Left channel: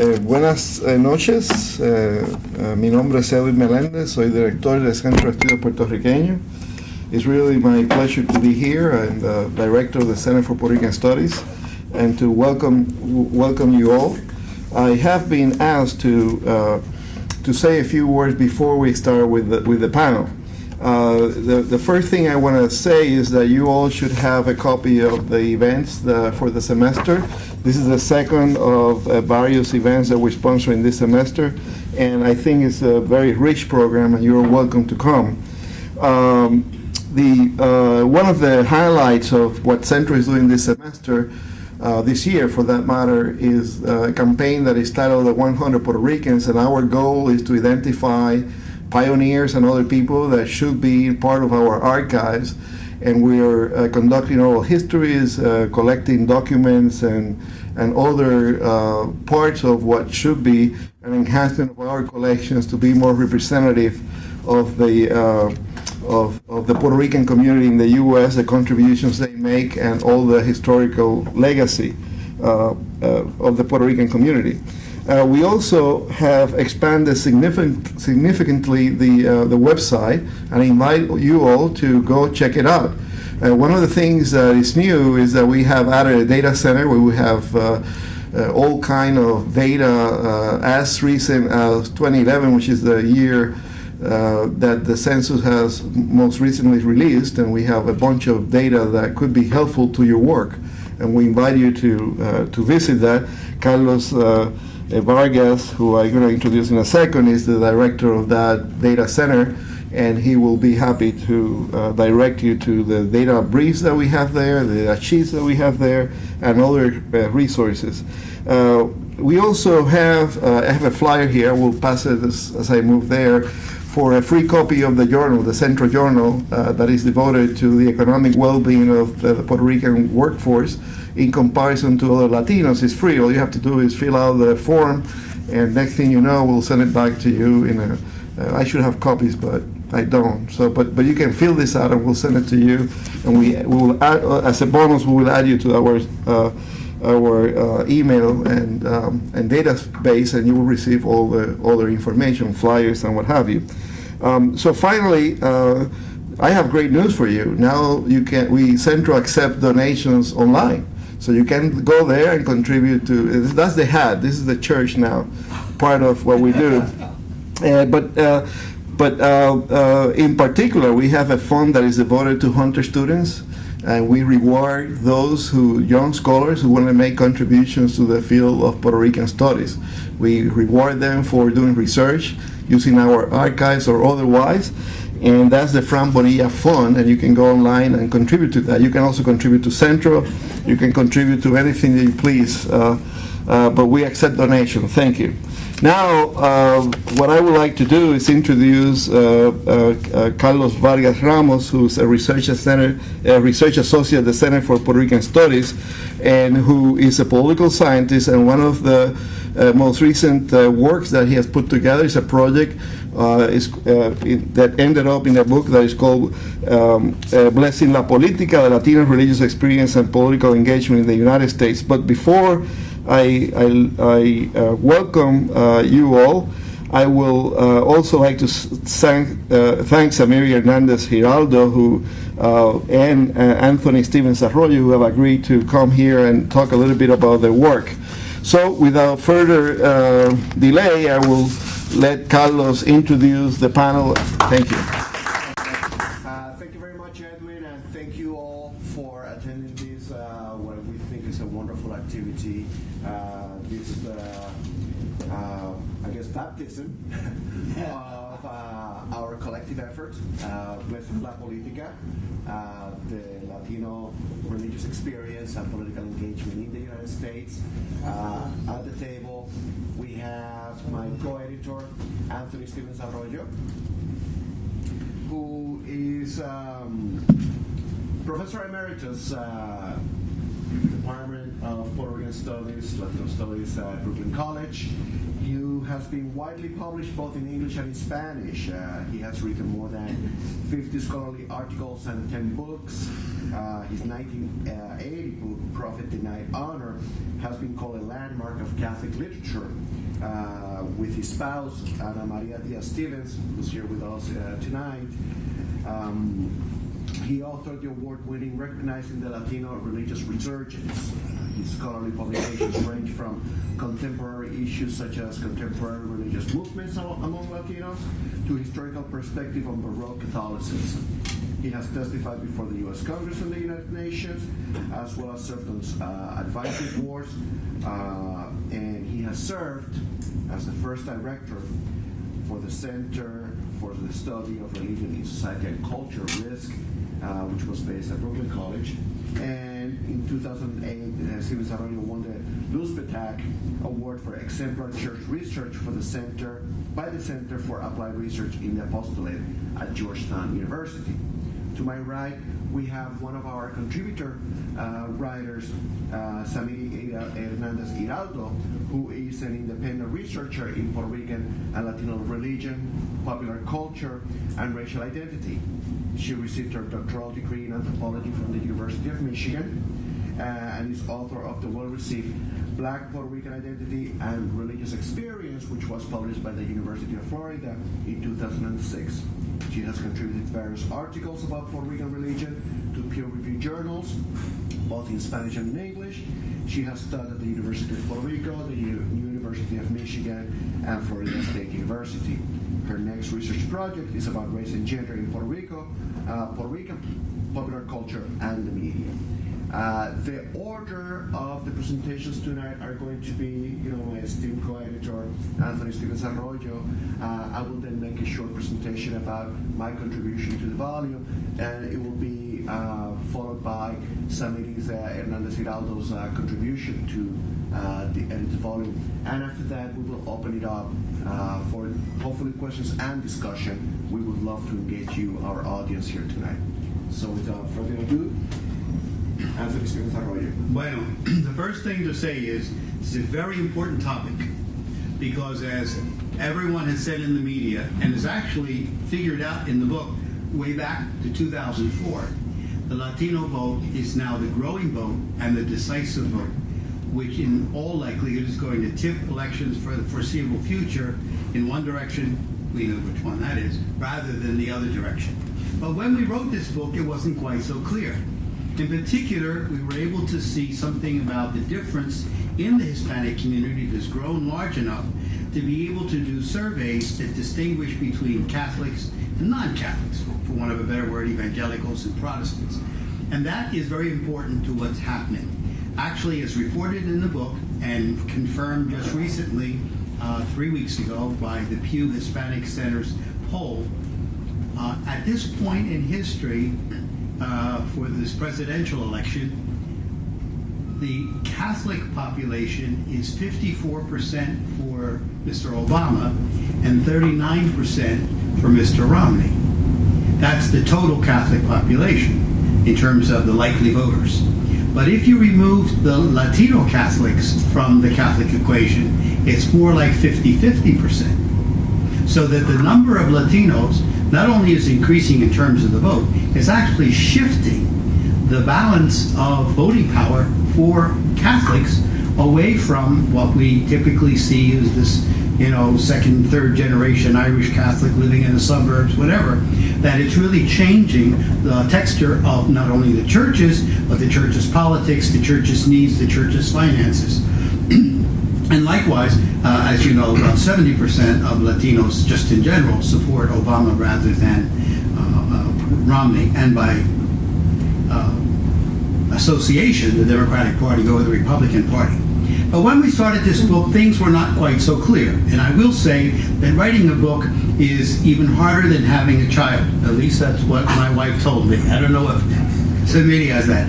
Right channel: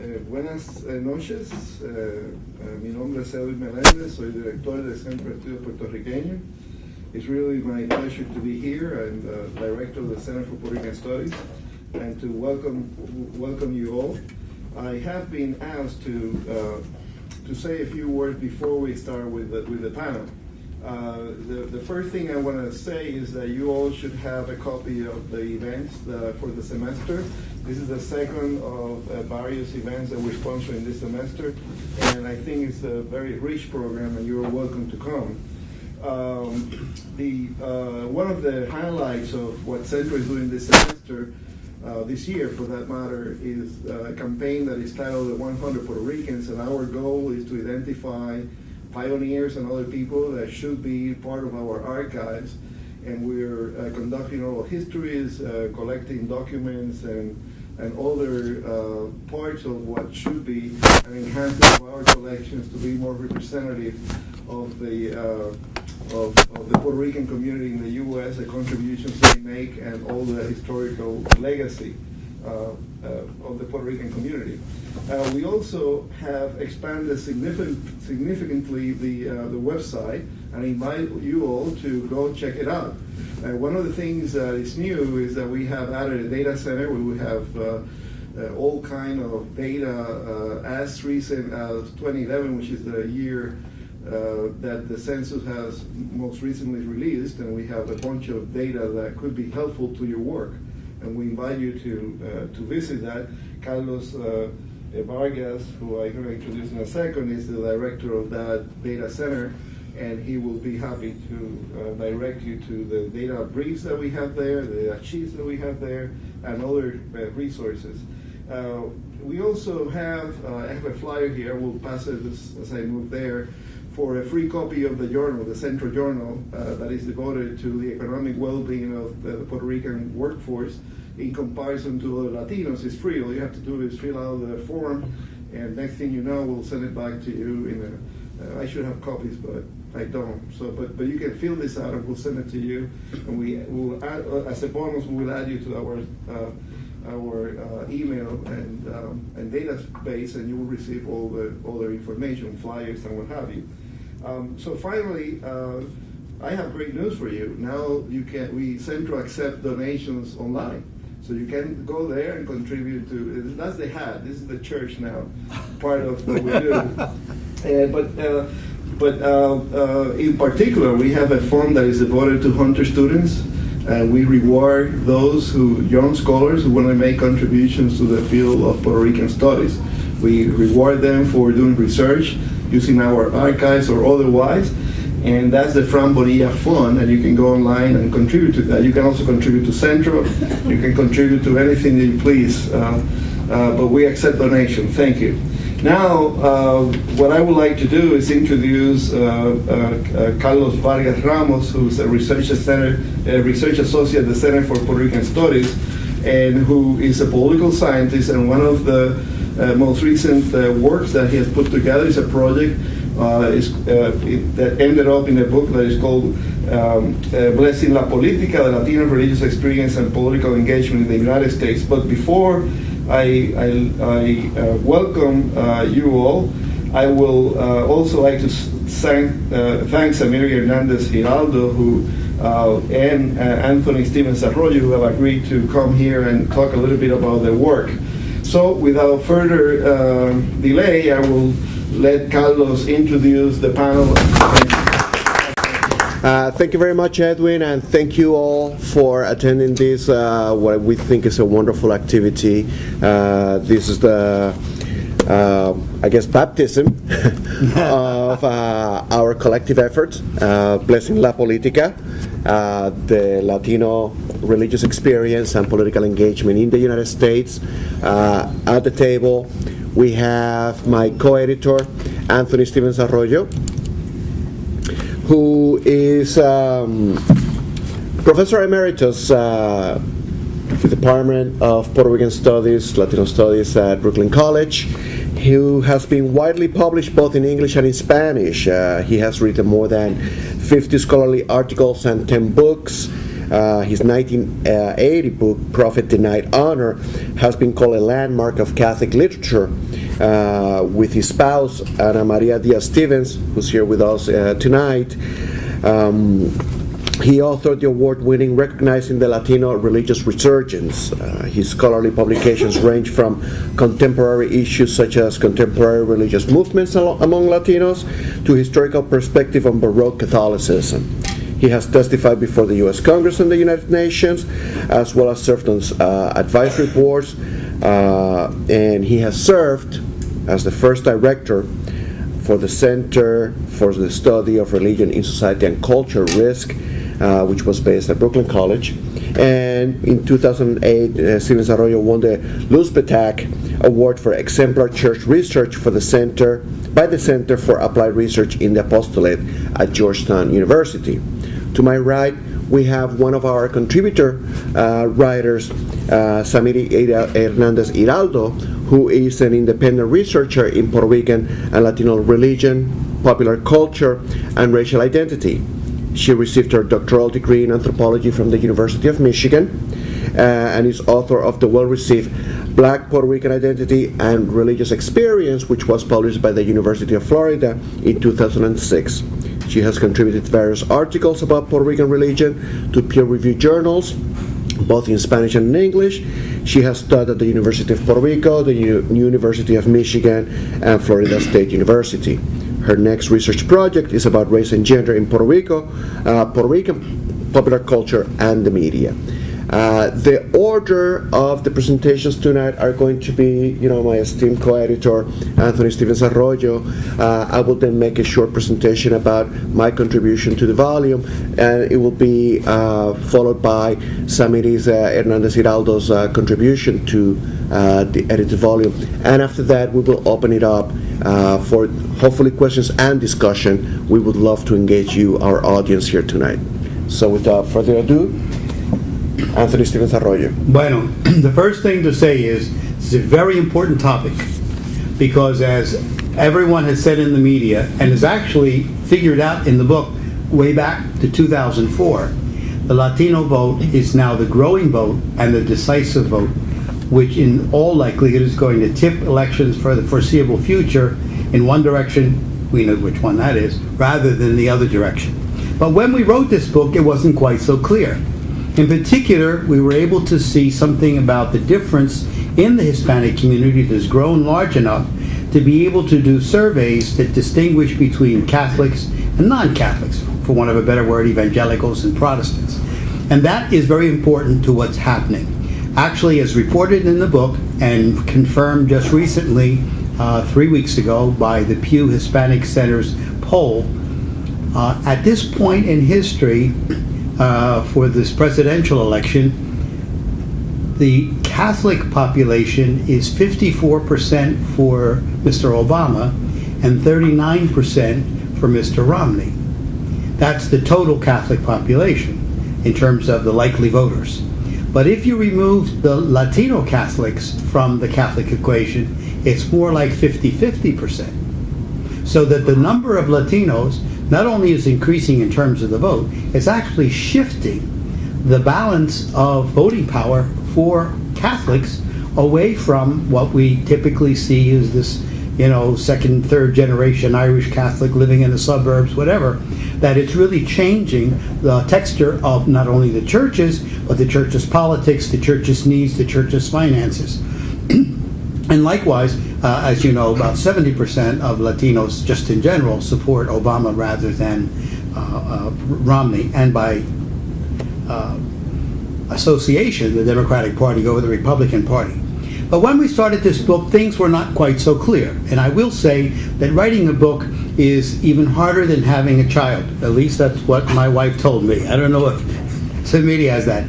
Buenas noches, mi nombre es Edwin Meléndez, soy director del Centro de Estudios Puertorriqueños. It's really my pleasure to be here and director of the Center for Puerto Rican Studies and to welcome you all. I have been asked to say a few words before we start with the panel. The first thing I want to say is that you all should have a copy of the events for the semester. This is the second of various events that we're sponsoring this semester, and I think it's a very rich program, and you're welcome to come. One of the highlights of what Centro is doing this semester, this year for that matter, is a campaign that is titled The 100 Puerto Ricans, and our goal is to identify pioneers and other people that should be part of our archives. And we're conducting oral histories, collecting documents and other parts of what should be an enhancement of our collections to be more representative of the Puerto Rican community in the U.S., the contributions they make, and all the historical legacy of the Puerto Rican community. We also have expanded significantly the website, and I invite you all to go check it out. One of the things that is new is that we have added a data center where we have all kind of data as recent as 2011, which is the year that the census has most recently released, and we have a bunch of data that could be helpful to your work, and we invite you to visit that. Carlos Vargas, who I'm going to introduce in a second, is the director of that data center, and he will be happy to direct you to the data briefs that we have there, the data sheets that we have there, and other resources. We also have, I have a flyer here, we'll pass it as I move there, for a free copy of the journal, the Centro journal, that is devoted to the economic well-being of the Puerto Rican workforce in comparison to other Latinos. It's free. All you have to do is fill out the form, and next thing you know, we'll send it back to you in a, I should have copies, but I don't. So, but you can fill this out, and we'll send it to you, and we will add, as a bonus, we will add you to our email and database, and you will receive all the other information, flyers, and what have you. So finally, I have great news for you. Now Centro accept donations online. So you can go there and contribute to, that's the hat, this is the church now, part of what we do. But in particular, we have a fund that is devoted to Hunter students, and we reward those young scholars who want to make contributions to the field of Puerto Rican studies. We reward them for doing research, using our archives or otherwise, and that's the Fran Bonilla Fund, and you can go online and contribute to that. You can also contribute to Centro, you can contribute to anything that you please, but we accept donations. Thank you. Now, what I would like to do is introduce Carlos Vargas-Ramos, who's a research associate at the Center for Puerto Rican Studies, and who is a political scientist, and one of the most recent works that he has put together is a project that ended up in a book that is called Blessing la Politica, the Latino Religious Experience and Political Engagement in the United States. But before I welcome you all, I will also like to thank Samiri Hernandez Hiraldo and Anthony Stevens-Arroyo, who have agreed to come here and talk a little bit about their work. So without further delay, I will let Carlos introduce the panel. Thank you. Thank you very much, Edwin, and thank you all for attending this, what we think is a wonderful activity. This is the, I guess, baptism of our collective effort, Blessing la Politica, the Latino religious experience and political engagement in the United States. At the table, we have my co-editor, Anthony Stevens-Arroyo, who is Professor Emeritus the Department of Puerto Rican Studies, Latino Studies at Brooklyn College, who has been widely published both in English and in Spanish. He has written more than 50 scholarly articles and 10 books. His 1980 book, Prophet Denied Honor, has been called a landmark of Catholic literature, with his spouse, Ana Maria Diaz-Stevens, who's here with us tonight. He authored the award-winning Recognizing the Latino Religious Resurgence. His scholarly publications range from contemporary issues such as contemporary religious movements among Latinos to historical perspective on Baroque Catholicism. He has testified before the U.S. Congress and the United Nations, as well as served on advisory boards, and he has served as the first director for the Center for the Study of Religion in Society and Culture, RISC, which was based at Brooklyn College. And in 2008, Stevens-Arroyo won the Luz Petak Award for Exemplar Church Research for the Center by the Center for Applied Research in the Apostolate at Georgetown University. To my right, we have one of our contributor writers, Samiri Hernandez Hiraldo, who is an independent researcher in Puerto Rican and Latino religion, popular culture, and racial identity. She received her doctoral degree in anthropology from the University of Michigan and is author of the well-received Black Puerto Rican Identity and Religious Experience, which was published by the University of Florida in 2006. She has contributed various articles about Puerto Rican religion to peer-reviewed journals, both in Spanish and in English. She has taught at the University of Puerto Rico, the University of Michigan, and Florida State University. Her next research project is about race and gender in Puerto Rico, Puerto Rican popular culture, and the media. The order of the presentations tonight are going to be, my esteemed co-editor, Anthony Stevens-Arroyo. I will then make a short presentation about my contribution to the volume, and it will be followed by Samiri Hernandez Hiraldo's contribution to the edited volume. And after that, we will open it up for hopefully questions and discussion. We would love to engage you, our audience here tonight. So without further ado, Anthony Stevens-Arroyo. Bueno, the first thing to say is it's a very important topic because, as everyone has said in the media and is actually figured out in the book way back to 2004, the Latino vote is now the growing vote and the decisive vote, which in all likelihood is going to tip elections for the foreseeable future in one direction, we know which one that is, rather than the other direction. But when we wrote this book, it wasn't quite so clear. In particular, we were able to see something about the difference in the Hispanic community that has grown large enough to be able to do surveys that distinguish between Catholics and non-Catholics, for want of a better word, evangelicals and Protestants. And that is very important to what's happening. Actually, as reported in the book and confirmed just recently, 3 weeks ago, by the Pew Hispanic Center's poll, at this point in history, for this presidential election, the Catholic population is 54% for Mr. Obama and 39% for Mr. Romney. That's the total Catholic population in terms of the likely voters. But if you remove the Latino Catholics from the Catholic equation, it's more like 50-50%. So that the number of Latinos not only is increasing in terms of the vote, it's actually shifting the balance of voting power for Catholics away from what we typically see as this, second, third generation Irish Catholic living in the suburbs, whatever, that it's really changing the texture of not only the churches, but the church's politics, the church's needs, the church's finances. And likewise, as you know, about 70% of Latinos, just in general, support Obama rather than Romney, and by association, the Democratic Party over the Republican Party. But when we started this book, things were not quite so clear. And I will say that writing a book is even harder than having a child. At least that's what my wife told me. I don't know if Samiri has that.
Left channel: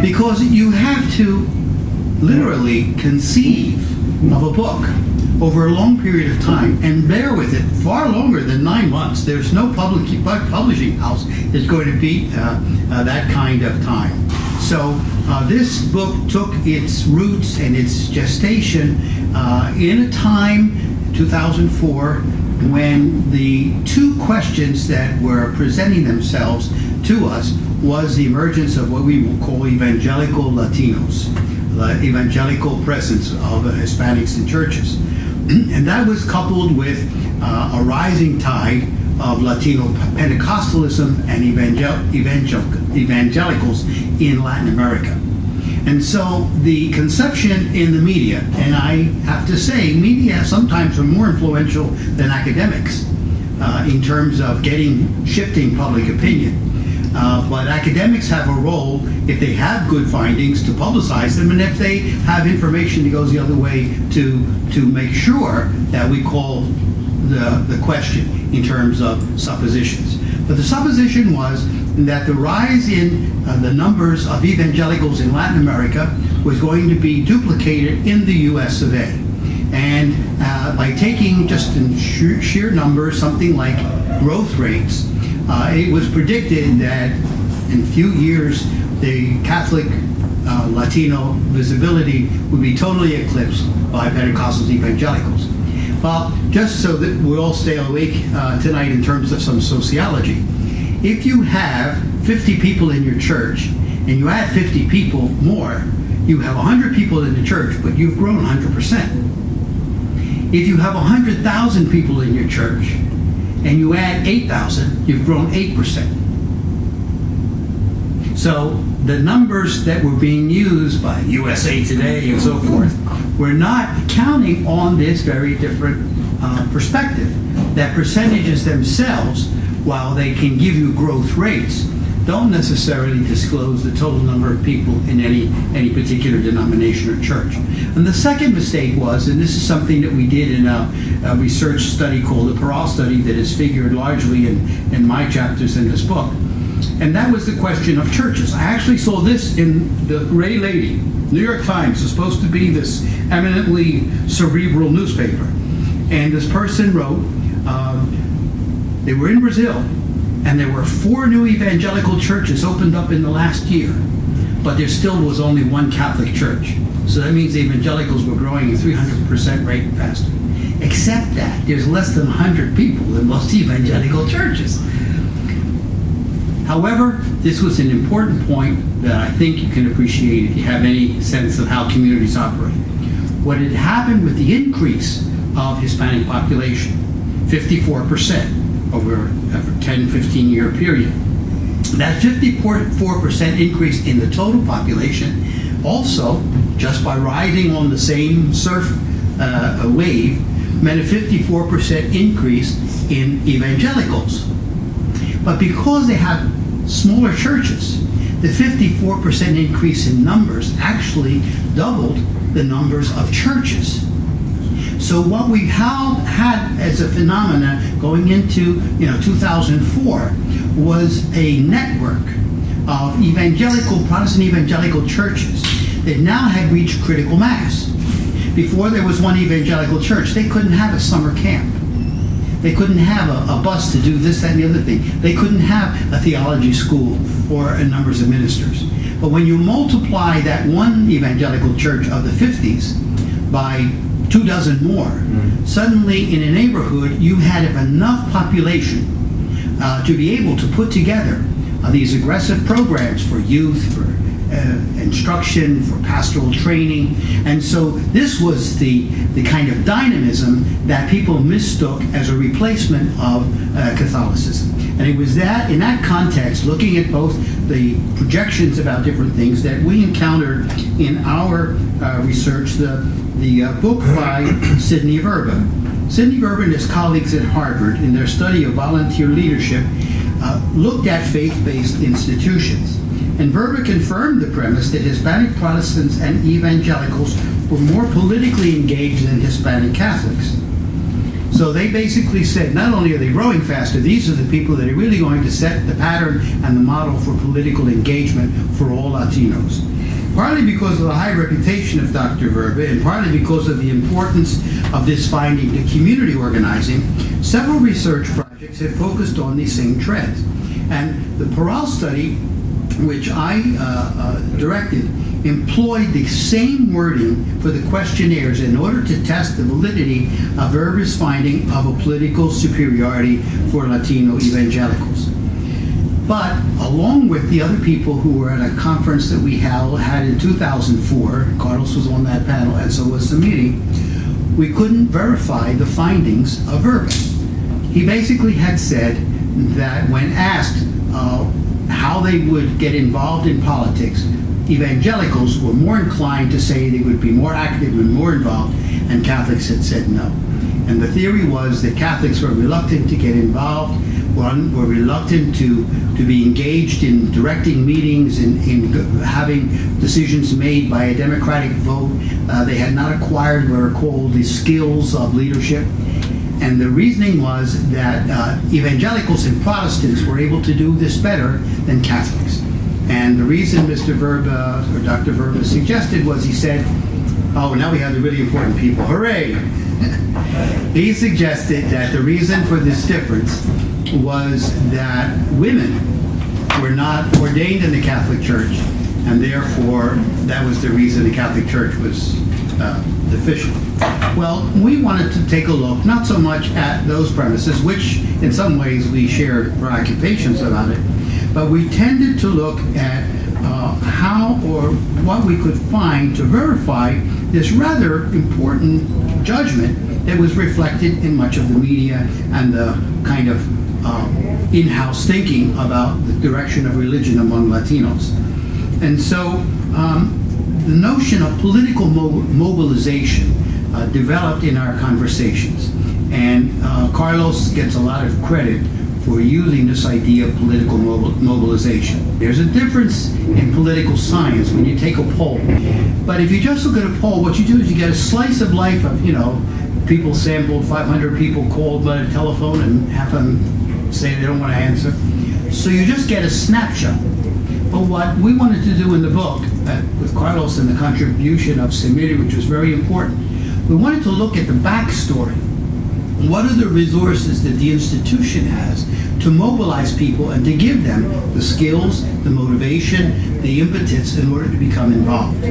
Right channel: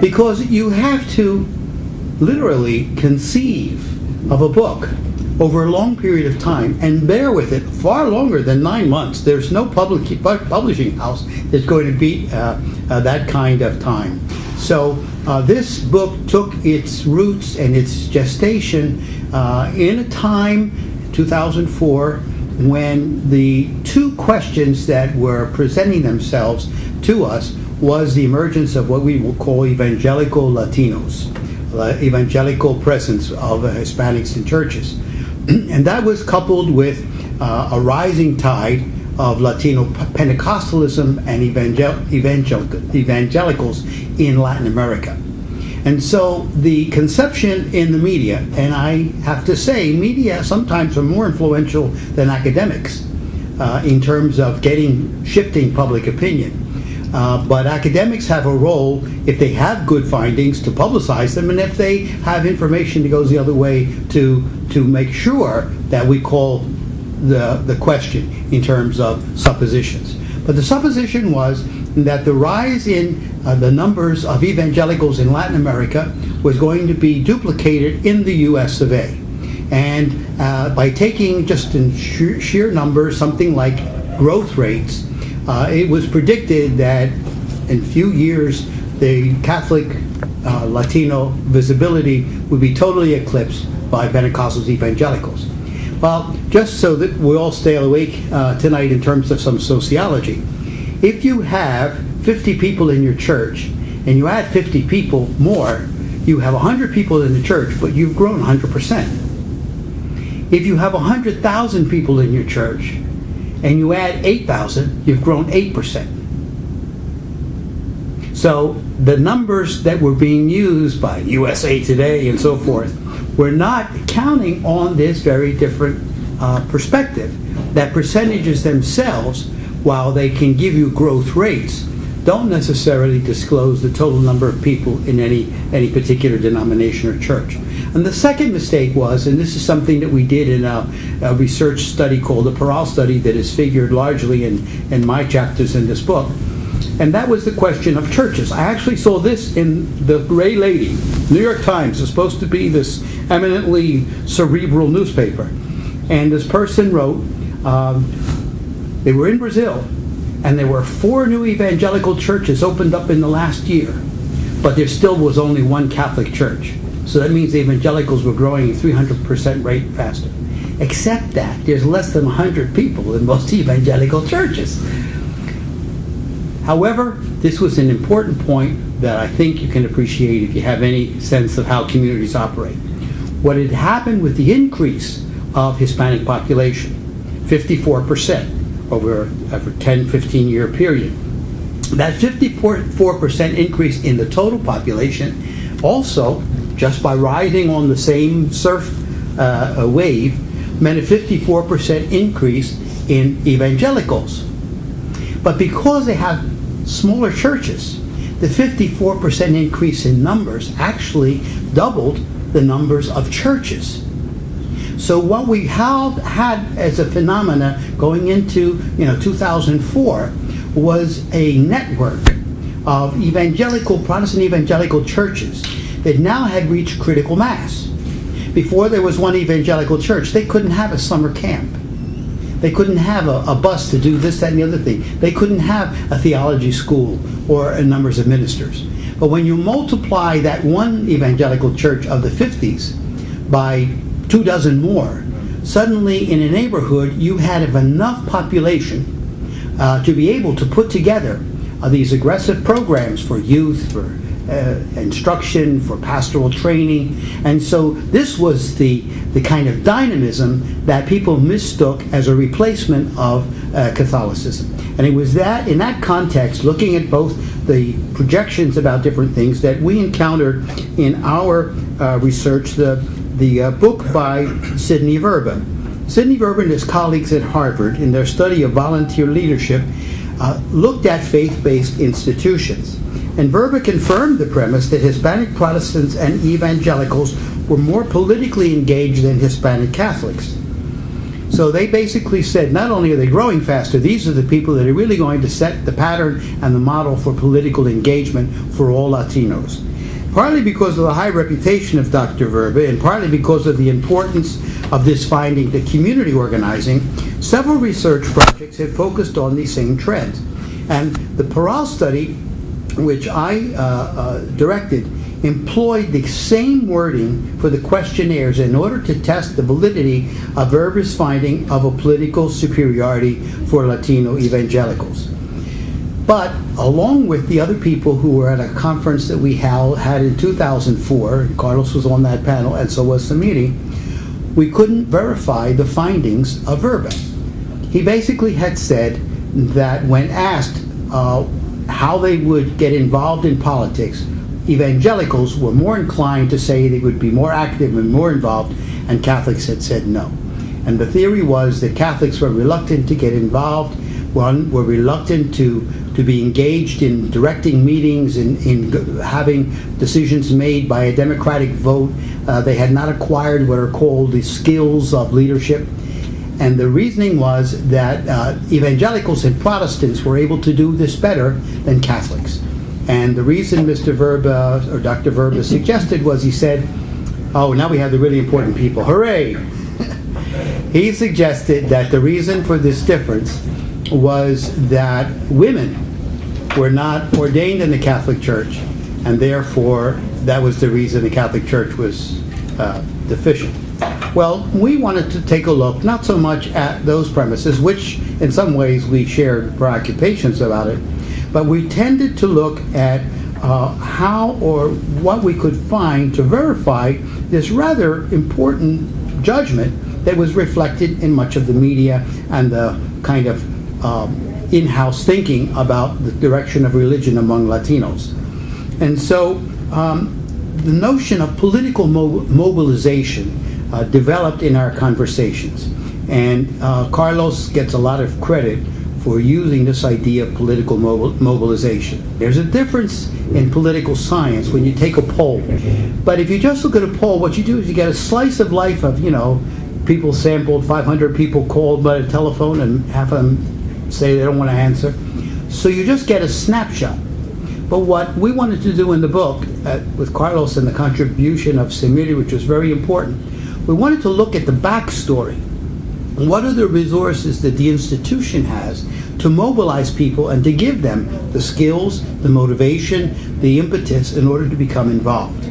Because you have to literally conceive of a book over a long period of time and bear with it far longer than 9 months. There's no publishing house that's going to beat that kind of time. So this book took its roots and its gestation in a time, 2004, when the two questions that were presenting themselves to us was the emergence of what we will call evangelical Latinos, evangelical presence of Hispanics in churches. And that was coupled with a rising tide of Latino Pentecostalism and evangelicals in Latin America. And so the conception in the media, and I have to say, media sometimes are more influential than academics in terms of shifting public opinion. But academics have a role, if they have good findings, to publicize them, and if they have information that goes the other way, to make sure that we call the question in terms of suppositions. But the supposition was that the rise in the numbers of evangelicals in Latin America was going to be duplicated in the US of A. And by taking just in sheer numbers, something like growth rates, it was predicted that in a few years the Catholic Latino visibility would be totally eclipsed by Pentecostal evangelicals. Well, just so that we all stay awake tonight in terms of some sociology, if you have 50 people in your church and you add 50 people more, you have 100 people in the church, but you've grown 100%. If you have 100,000 people in your church and you add 8,000, you've grown 8%. So the numbers that were being used by USA Today and so forth were not counting on this very different perspective, that percentages themselves, while they can give you growth rates, don't necessarily disclose the total number of people in any particular denomination or church. And the second mistake was, and this is something that we did in a research study called the Parral study that is figured largely in my chapters in this book, and that was the question of churches. I actually saw this in the Gray Lady. New York Times is supposed to be this eminently cerebral newspaper. And this person wrote, they were in Brazil, and there were 4 new evangelical churches opened up in the last year, but there still was only 1 Catholic church. So that means the evangelicals were growing at 300% rate faster. Except that there's less than 100 people in most evangelical churches. However, this was an important point that I think you can appreciate if you have any sense of how communities operate. What had happened with the increase of Hispanic population, 54%, over a 10-15 year period. That 54% increase in the total population also, just by riding on the same surf wave, meant a 54% increase in evangelicals. But because they have smaller churches, the 54% increase in numbers actually doubled the numbers of churches. So what we had as a phenomena going into 2004 was a network of Protestant evangelical churches that now had reached critical mass. Before there was one evangelical church, they couldn't have a summer camp. They couldn't have a bus to do this, that, and the other thing. They couldn't have a theology school or numbers of ministers. But when you multiply that one evangelical church of the 50s by 24 more, suddenly in a neighborhood you had enough population to be able to put together these aggressive programs for youth, for instruction, for pastoral training. And so this was the kind of dynamism that people mistook as a replacement of Catholicism. And it was that, in that context, looking at both the projections about different things, that we encountered in our research the book by Sidney Verba. Sidney Verba and his colleagues at Harvard, in their study of volunteer leadership, looked at faith-based institutions. And Verba confirmed the premise that Hispanic Protestants and evangelicals were more politically engaged than Hispanic Catholics. So they basically said, not only are they growing faster, these are the people that are really going to set the pattern and the model for political engagement for all Latinos. Partly because of the high reputation of Dr. Verba, and partly because of the importance of this finding to community organizing, several research projects have focused on these same trends. And the Parral study, which I directed, employed the same wording for the questionnaires in order to test the validity of Verba's finding of a political superiority for Latino evangelicals. But along with the other people who were at a conference that we had in 2004, Carlos was on that panel, and so was Samiri, we couldn't verify the findings of Verba. He basically had said that when asked how they would get involved in politics, evangelicals were more inclined to say they would be more active and more involved, and Catholics had said no. And the theory was that Catholics were reluctant to get involved, were reluctant to be engaged in directing meetings, in having decisions made by a democratic vote. They had not acquired what are called the skills of leadership. And the reasoning was that evangelicals and Protestants were able to do this better than Catholics. And the reason Mr. Verba, or Dr. Verba, suggested was, he said, oh, now we have the really important people. Hooray! He suggested that the reason for this difference was that women were not ordained in the Catholic Church, and therefore that was the reason the Catholic Church was deficient. Well, we wanted to take a look, not so much at those premises, which in some ways we shared preoccupations about it, but we tended to look at how or what we could find to verify this rather important judgment that was reflected in much of the media and the kind of in-house thinking about the direction of religion among Latinos. And so the notion of political mobilization developed in our conversations. And Carlos gets a lot of credit for using this idea of political mobilization. There's a difference in political science when you take a poll. But if you just look at a poll, what you do is you get a slice of life of, people sampled, 500 people called by the telephone, and half of them say they don't want to answer. So you just get a snapshot. But what we wanted to do in the book, with Carlos and the contribution of Samiri, which was very important, we wanted to look at the backstory. What are the resources that the institution has to mobilize people and to give them the skills, the motivation, the impetus in order to become involved?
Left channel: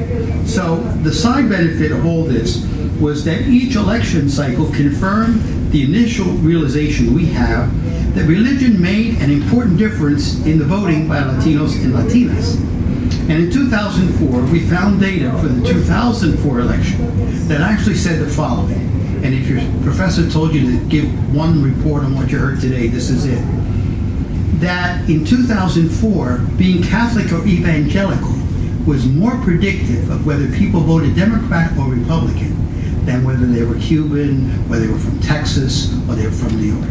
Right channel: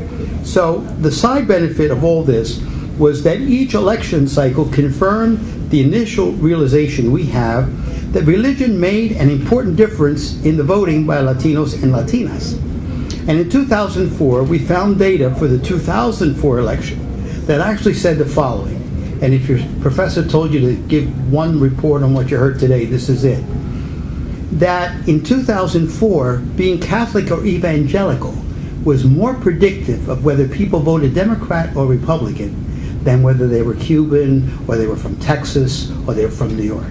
So the side benefit of all this was that each election cycle confirmed the initial realization we have that religion made an important difference in the voting by Latinos and Latinas. And in 2004, we found data for the 2004 election that actually said the following. And if your professor told you to give one report on what you heard today, this is it. That in 2004, being Catholic or evangelical was more predictive of whether people voted Democrat or Republican than whether they were Cuban, or they were from Texas, or they were from New York.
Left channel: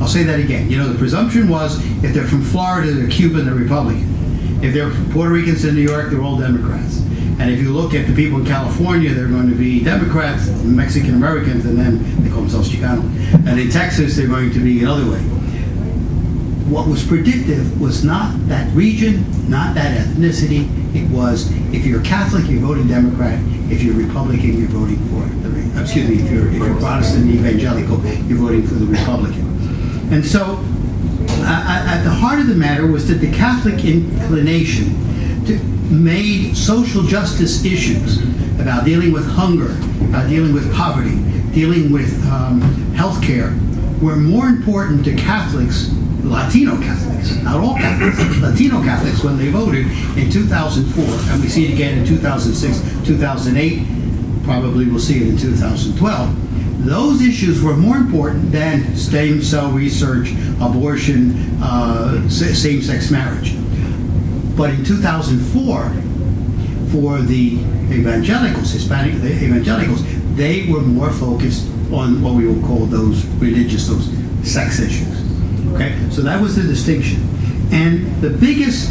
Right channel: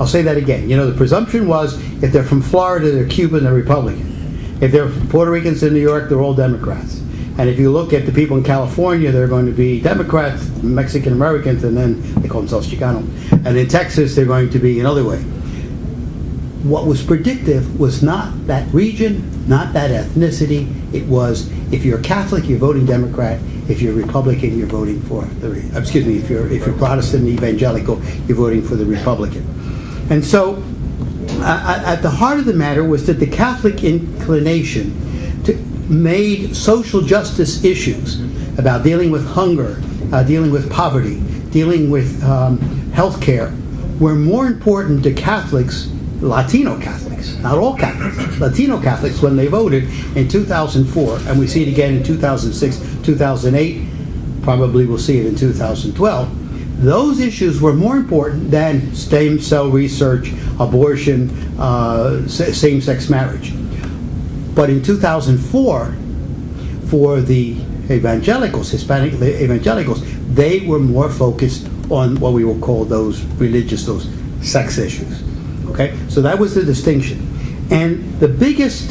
I'll say that again. The presumption was if they're from Florida, they're Cuban, they're Republican. If they're Puerto Ricans in New York, they're all Democrats. And if you look at the people in California, they're going to be Democrats, Mexican Americans, and then they call themselves Chicano. And in Texas, they're going to be another way. What was predictive was not that region, not that ethnicity. It was, if you're Catholic, you're voting Democrat. If you're Republican, you're voting for if you're Protestant evangelical, you're voting for the Republican. And so, at the heart of the matter was that the Catholic inclination made social justice issues about dealing with hunger, dealing with poverty, dealing with health care, were more important to Catholics, Latino Catholics, not all Catholics, Latino Catholics, when they voted in 2004, and we see it again in 2006, 2008, probably we'll see it in 2012. Those issues were more important than stem cell research, abortion, same-sex marriage. But in 2004, for the evangelicals, Hispanic evangelicals, they were more focused on what we will call those religious, those sex issues. Okay, so that was the distinction. And the biggest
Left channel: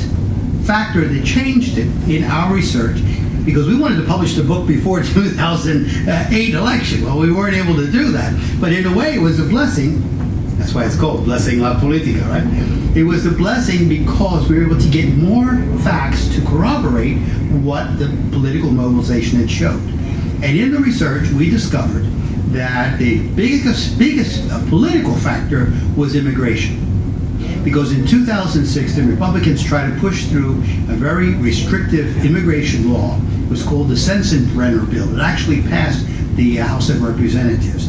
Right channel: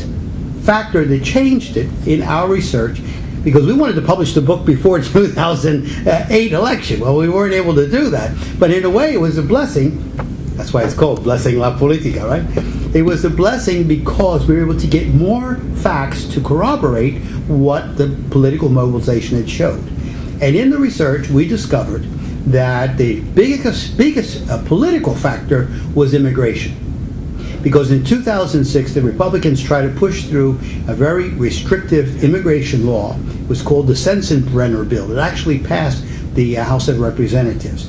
factor that changed it in our research, because we wanted to publish the book before 2008 election. Well, we weren't able to do that. But in a way, it was a blessing. That's why it's called Blessing La Politica, right? It was a blessing because we were able to get more facts to corroborate what the political mobilization had showed. And in the research, we discovered that the biggest political factor was immigration. Because in 2006, the Republicans tried to push through a very restrictive immigration law. It was called the Sensenbrenner bill. It actually passed the House of Representatives.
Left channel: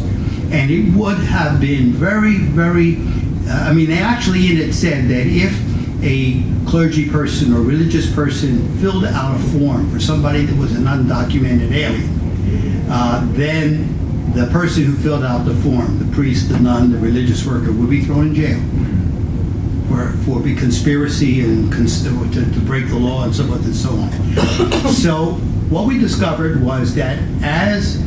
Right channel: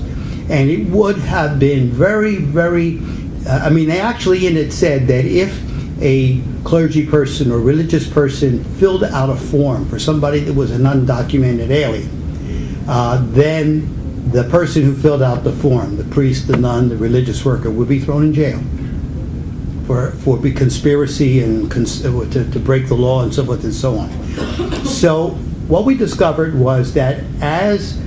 And it would have been very, very, they actually in it said that if a clergy person or religious person filled out a form for somebody that was an undocumented alien, then the person who filled out the form, the priest, the nun, the religious worker, would be thrown in jail for conspiracy and to break the law and so forth and so on. So what we discovered was that as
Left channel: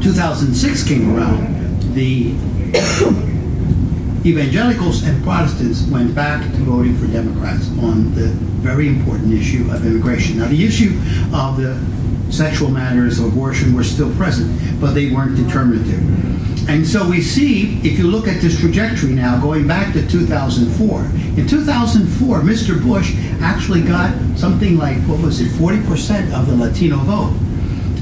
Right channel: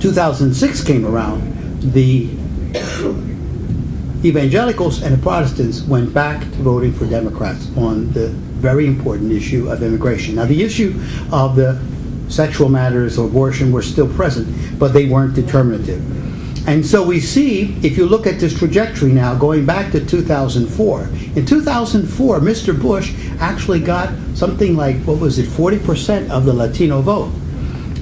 2006 came around, the evangelicals and the Protestants went back to voting for Democrats on the very important issue of immigration. Now, the issue of the sexual matters of abortion were still present, but they weren't determinative. And so we see, if you look at this trajectory now, going back to 2004, in 2004, Mr. Bush actually got something like, 40% of the Latino vote.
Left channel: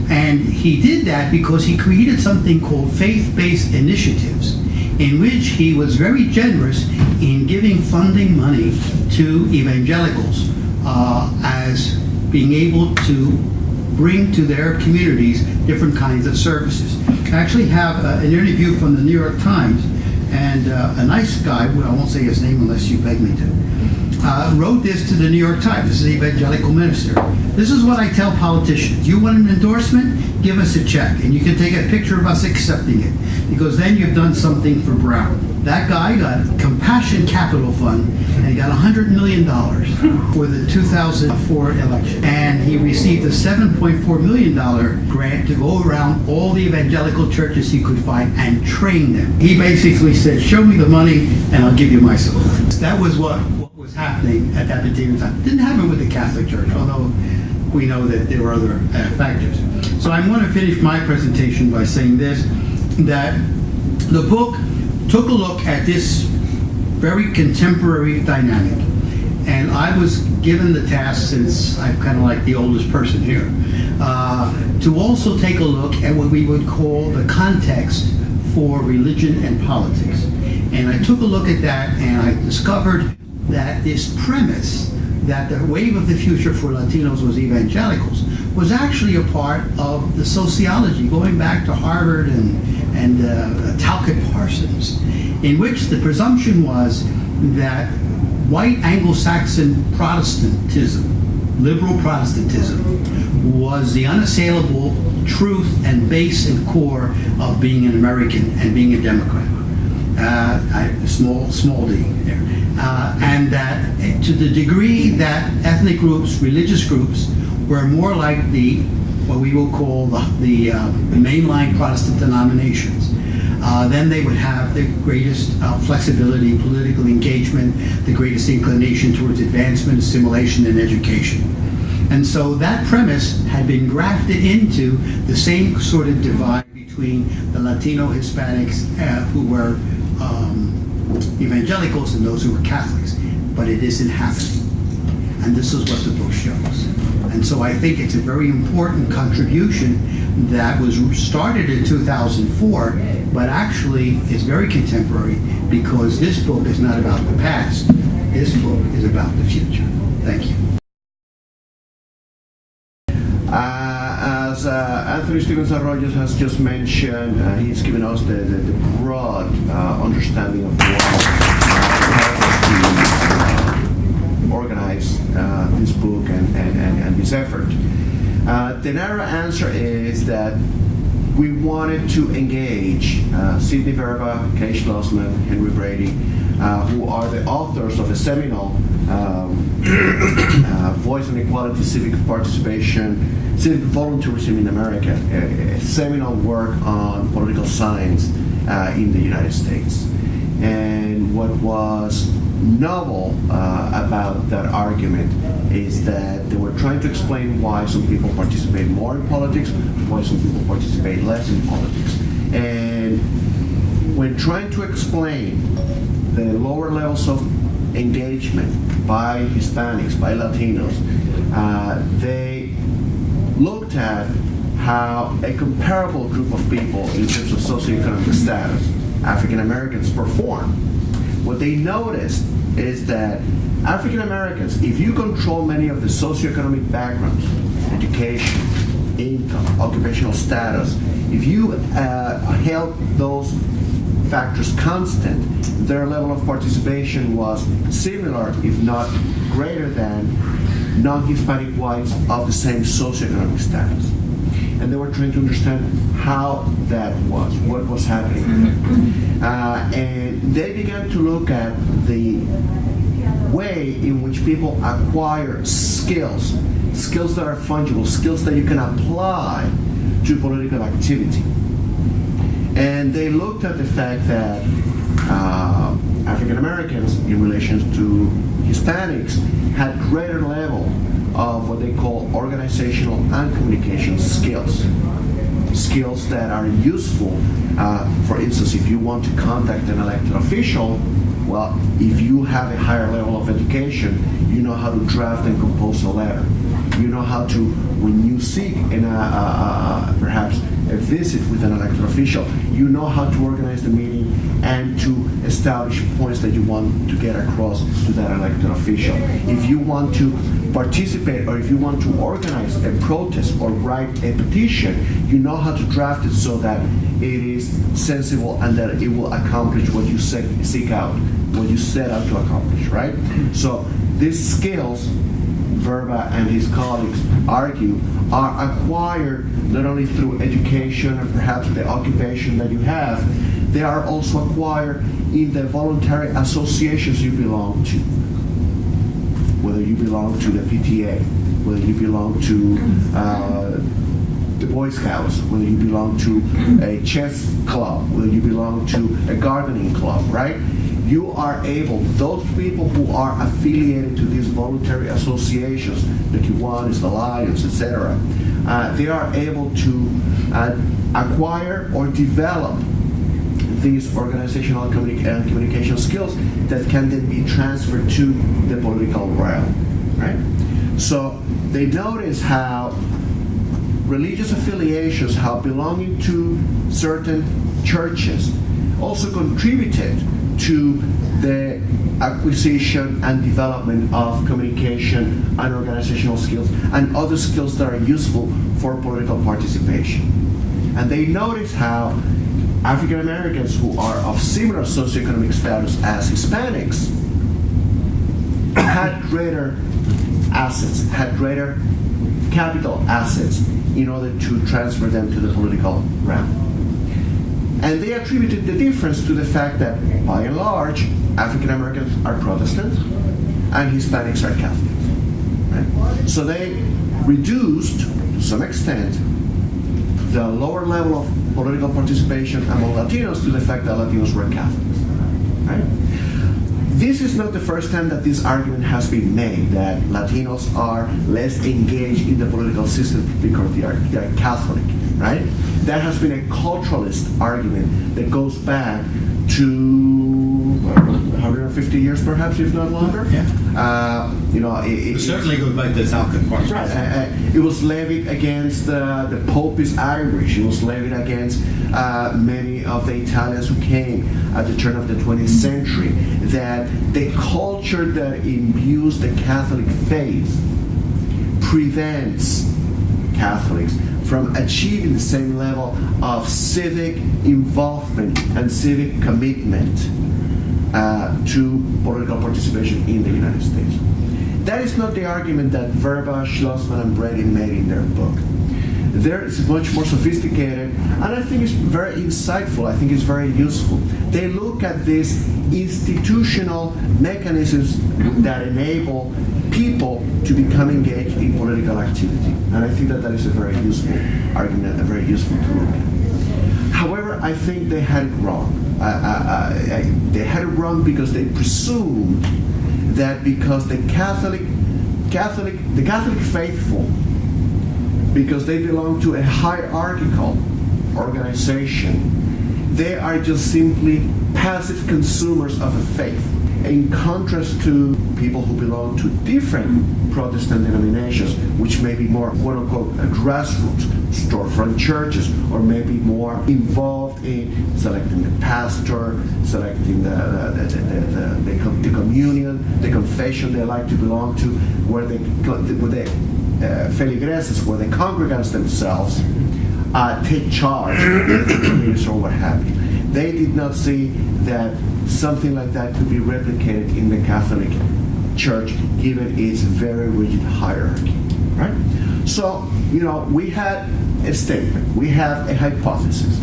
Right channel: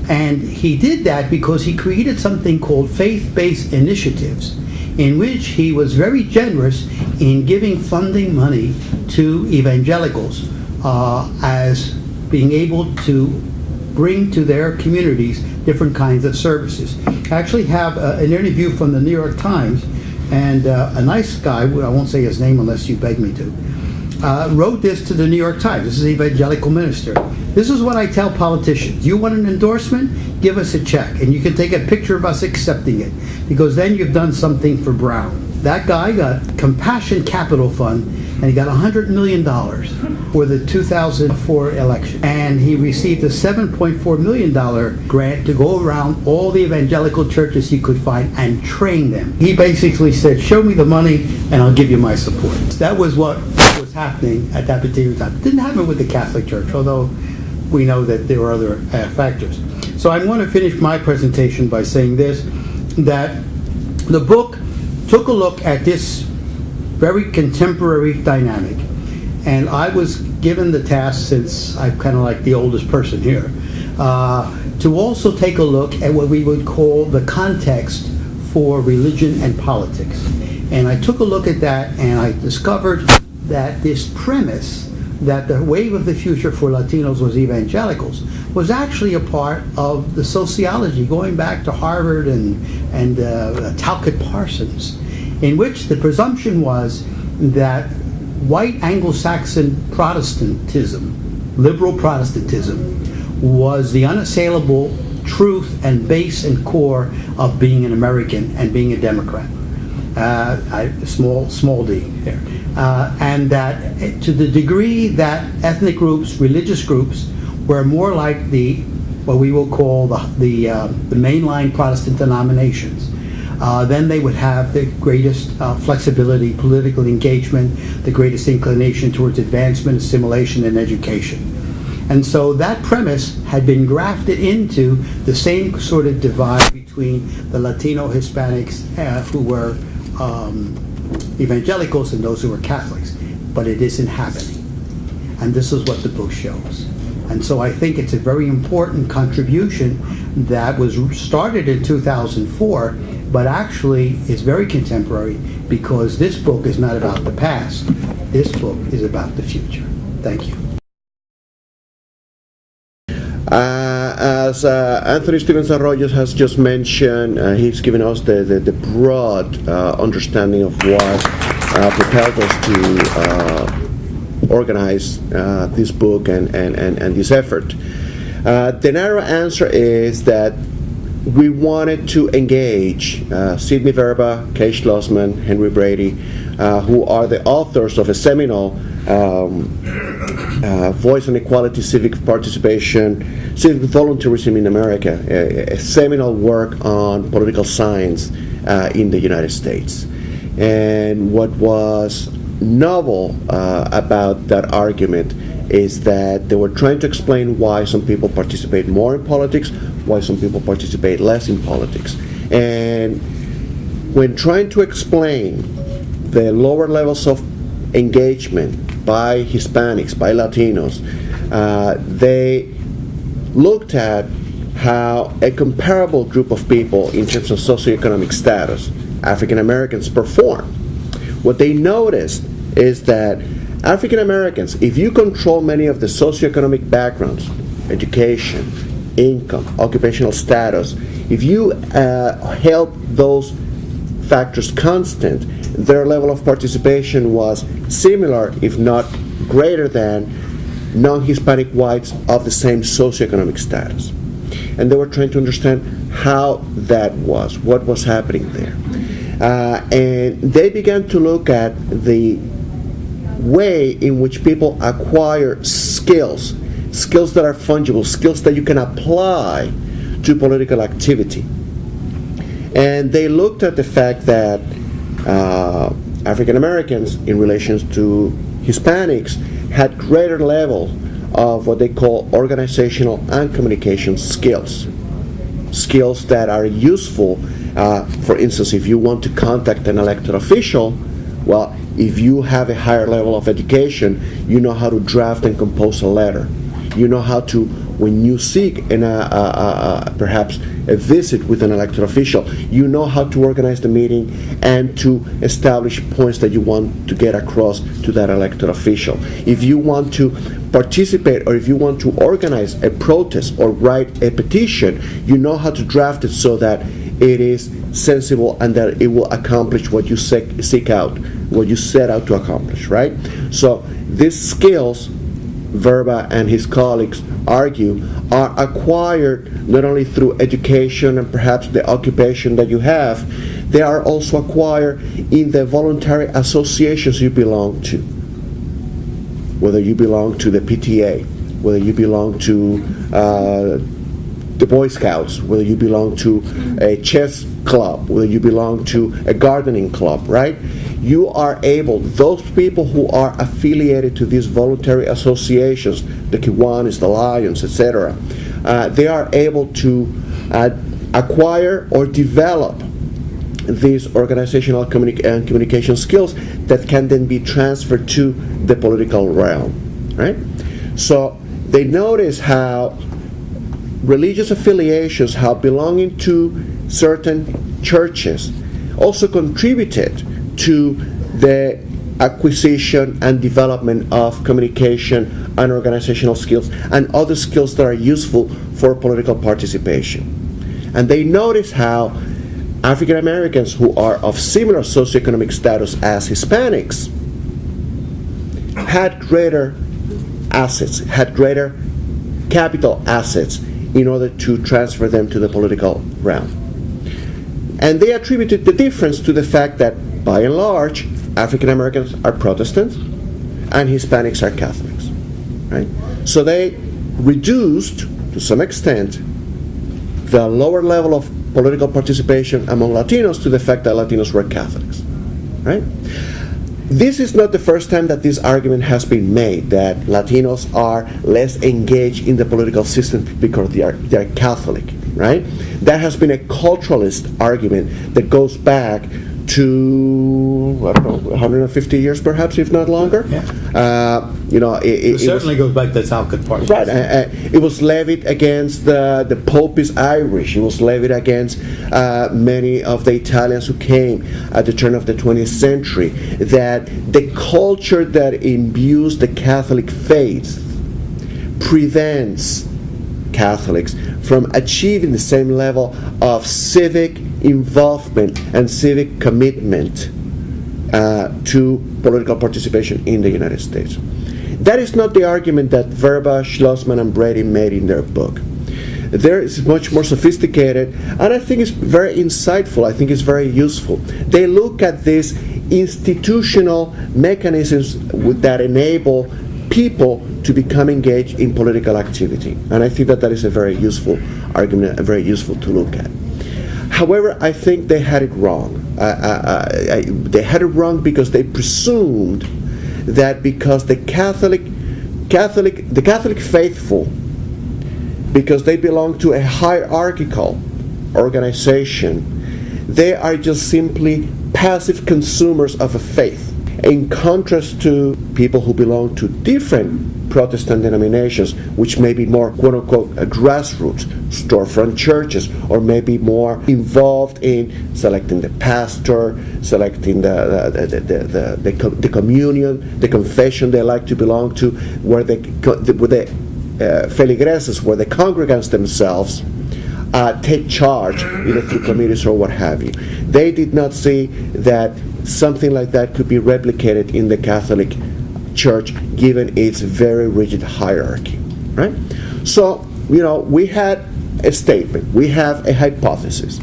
And he did that because he created something called faith-based initiatives, in which he was very generous in giving funding money to evangelicals as being able to bring to their communities different kinds of services. I actually have an interview from the New York Times, and a nice guy, I won't say his name unless you beg me to, wrote this to the New York Times. This is an evangelical minister. This is what I tell politicians. You want an endorsement? Give us a check, and you can take a picture of us accepting it, because then you've done something for Brown. That guy got Compassion Capital Fund, and he got $100 million for the 2004 election. And he received a $7.4 million grant to go around all the evangelical churches he could find and train them. He basically said, show me the money and I'll give you my support. That was what was happening at that particular time. It didn't happen with the Catholic Church, although we know that there were other factors. So I want to finish my presentation by saying this, that the book took a look at this very contemporary dynamic. And I was given the task, since I'm kind of like the oldest person here, to also take a look at what we would call the context for religion and politics. And I took a look at that, and I discovered that this premise that the wave of the future for Latinos was evangelicals was actually a part of the sociology going back to Harvard and Talcott Parsons, in which the presumption was that white Anglo-Saxon Protestantism, liberal Protestantism, was the unassailable truth and base and core of being an American and being a Democrat. Small d there. And that to the degree that ethnic groups, religious groups, were more like what we will call the mainline Protestant denominations, then they would have the greatest flexibility, political engagement, the greatest inclination towards advancement, assimilation, and education. And so that premise had been grafted into the same sort of divide between the Latino Hispanics who were evangelicals and those who were Catholics. But it isn't happening. And this is what the book shows. And so I think it's a very important contribution that was started in 2004, but actually is very contemporary, because this book is not about the past. This book is about the future. Thank you. As Anthony Stevens-Arroyo has just mentioned, he's given us the broad understanding of what propelled us to organize this book and this effort. The narrow answer is that we wanted to engage Sidney Verba, Kay Schlossman, Henry Brady, who are the authors of a seminal Voice and Equality, Civic Participation, Civic Volunteerism in America, a seminal work on political science in the United States. And what was novel about that argument is that they were trying to explain why some people participate more in politics, why some people participate less in politics. And when trying to explain the lower levels of engagement by Hispanics, by Latinos, they looked at how a comparable group of people in terms of socioeconomic status, African Americans, perform. What they noticed is that African Americans, if you control many of the socioeconomic backgrounds, education, income, occupational status, if you held those factors constant, their level of participation was similar, if not greater than, non-Hispanic whites of the same socioeconomic status. And they were trying to understand how that was, what was happening there. And they began to look at the way in which people acquire skills that are fungible, skills that you can apply to political activity. And they looked at the fact that African Americans, in relation to Hispanics, had greater level of what they call organizational and communication skills. Skills that are useful. For instance, if you want to contact an elected official, well, if you have a higher level of education, you know how to draft and compose a letter. You know how to, when you seek perhaps a visit with an elected official, you know how to organize the meeting and to establish points that you want to get across to that elected official. If you want to participate or if you want to organize a protest or write a petition, you know how to draft it so that it is sensible and that it will accomplish what you seek out, what you set out to accomplish, right? So these skills, Verba and his colleagues argue, are acquired not only through education and perhaps the occupation that you have, they are also acquired in the voluntary associations you belong to. Whether you belong to the PTA, whether you belong to the Boy Scouts, whether you belong to a chess club, whether you belong to a gardening club, right? You are able, those people who are affiliated to these voluntary associations, the Kiwanis, the Lions, etc., they are able to acquire or develop these organizational and communication skills that can then be transferred to the political realm, right? So they notice how religious affiliations, how belonging to certain churches also contributed to the acquisition and development of communication and organizational skills and other skills that are useful for political participation. And they notice how African Americans who are of similar socioeconomic status as Hispanics had greater assets, had greater capital assets in order to transfer them to the political realm. And they attributed the difference to the fact that, by and large, African Americans are Protestants and Hispanics are Catholics. Right? So they reduced, to some extent, the lower level of political participation among Latinos to the fact that Latinos were Catholics. Right? This is not the first time that this argument has been made, that Latinos are less engaged in the political system because they are Catholic. Right? That has been a culturalist argument that goes back to, I don't know, 150 years perhaps, if not longer. Yeah. It certainly goes back to the Southern Party. Right. It was levied against the Popist Irish. It was levied against many of the Italians who came at the turn of the 20th century. That the culture that imbues the Catholic faith prevents Catholics from achieving the same level of civic involvement and civic commitment to political participation in the United States. That is not the argument that Verba, Schlossman, and Brady made in their book. They're much more sophisticated, and I think it's very insightful. I think it's very useful. They look at these institutional mechanisms that enable people to become engaged in political activity. And I think that that is a very useful argument, very useful to look at. However, I think they had it wrong. They had it wrong because they presumed that because the Catholic faithful, because they belong to a hierarchical organization, they are just simply passive consumers of a faith. In contrast to people who belong to different Protestant denominations, which may be more quote-unquote grassroots, storefront churches, or maybe more involved in selecting the pastor, selecting the communion, the confession they like to belong to, where the feligreses, where the congregants themselves take charge, either through committees or what have you. They did not see that something like that could be replicated in the Catholic Church, given its very rigid hierarchy, right? So, we had a statement, we have a hypothesis.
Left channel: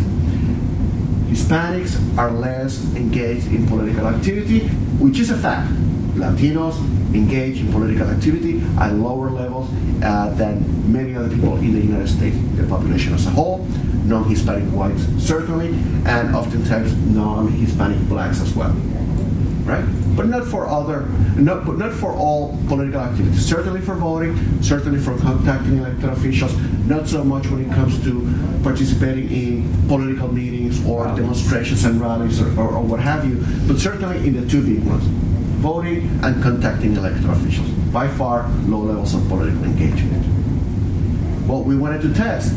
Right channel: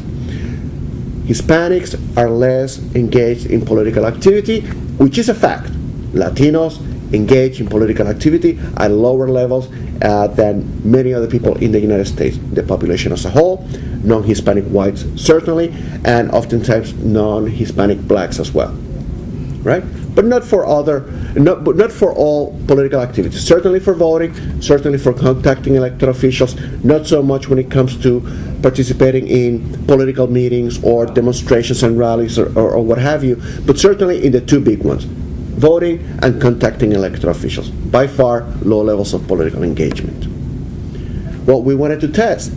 Hispanics are less engaged in political activity, which is a fact. Latinos engage in political activity at lower levels than many other people in the United States, the population as a whole, non-Hispanic whites certainly, and oftentimes non-Hispanic blacks as well, right? But not for all political activities. Certainly for voting, certainly for contacting elected officials, not so much when it comes to participating in political meetings or demonstrations and rallies or what have you, but certainly in the two big ones, voting and contacting elected officials. By far, low levels of political engagement. What we wanted to test,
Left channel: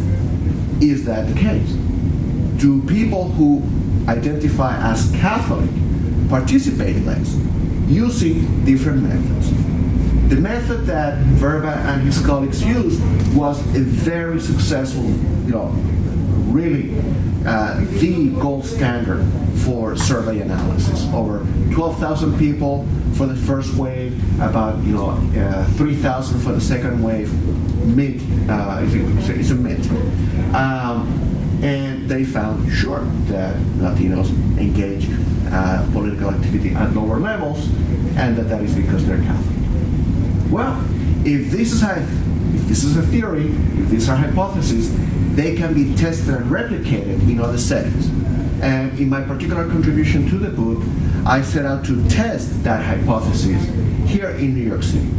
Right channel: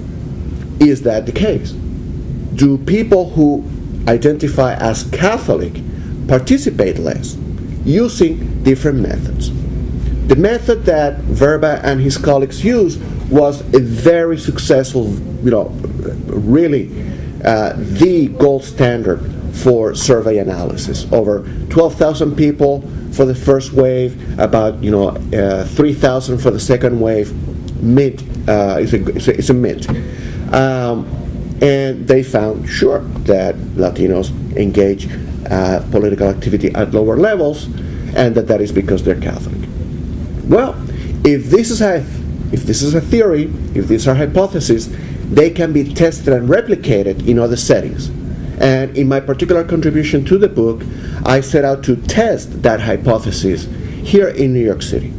is that the case? Do people who identify as Catholic participate less using different methods? The method that Verba and his colleagues used was a very successful, really the gold standard for survey analysis. Over 12,000 people for the first wave, about 3,000 for the second wave. It's a myth. And they found, sure, that Latinos engage political activity at lower levels, and that is because they're Catholic. Well, if this is a theory, if these are hypotheses, they can be tested and replicated in other settings. And in my particular contribution to the book, I set out to test that hypothesis here in New York City.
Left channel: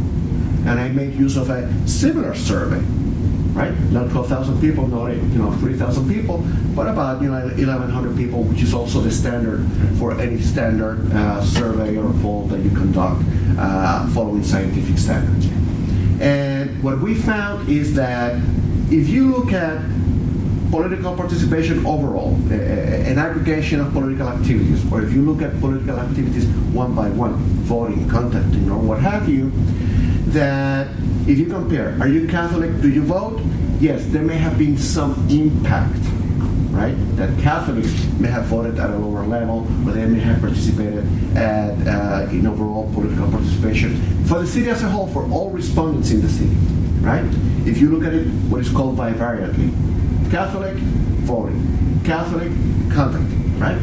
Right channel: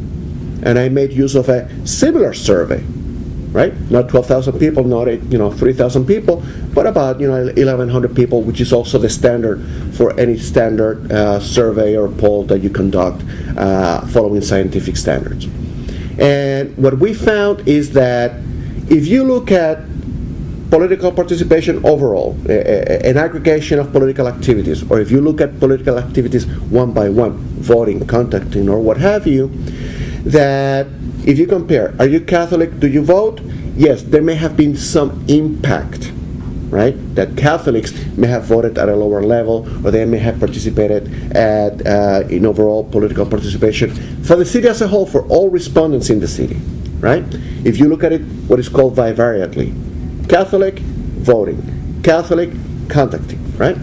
And I made use of a similar survey, right? Not 12,000 people, not 3,000 people, but about 1,100 people, which is also the standard for any standard survey or poll that you conduct following scientific standards. And what we found is that if you look at political participation overall, an aggregation of political activities, or if you look at political activities one by one, voting, contacting, or what have you, that if you compare, are you Catholic, do you vote? Yes, there may have been some impact, right? That Catholics may have voted at a lower level, or they may have participated in overall political participation for the city as a whole, for all respondents in the city, right? If you look at it, what is called bivariately. Catholic, voting. Catholic, contacting, right?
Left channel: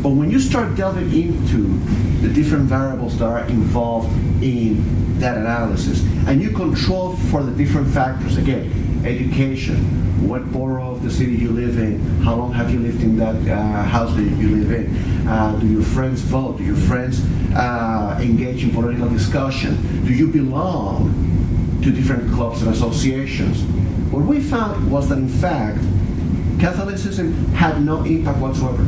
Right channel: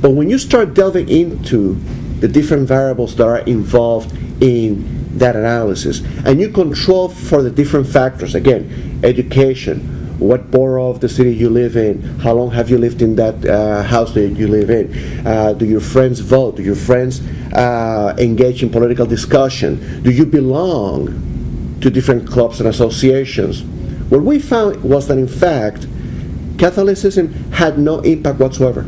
But when you start delving into the different variables that are involved in that analysis, and you control for the different factors, again, education, what borough of the city you live in, how long have you lived in that house that you live in, do your friends vote, do your friends engage in political discussion, do you belong to different clubs and associations? What we found was that, in fact, Catholicism had no impact whatsoever.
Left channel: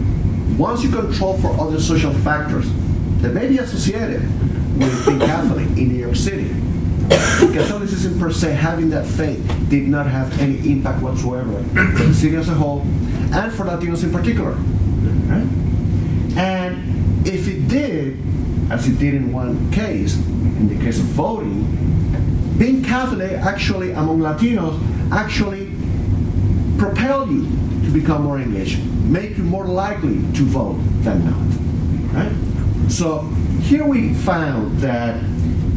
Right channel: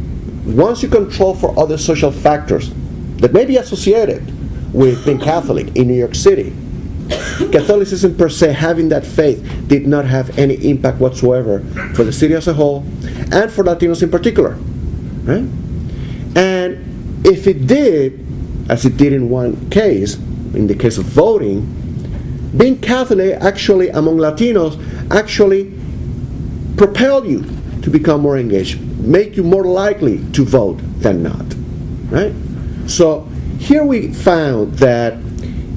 Once you control for other social factors that may be associated with being Catholic in New York City, Catholicism per se, having that faith, did not have any impact whatsoever for the city as a whole, and for Latinos in particular. Right? And if it did, as it did in one case, in the case of voting, being Catholic actually among Latinos actually propel you to become more engaged, make you more likely to vote than not, right? So here we found that,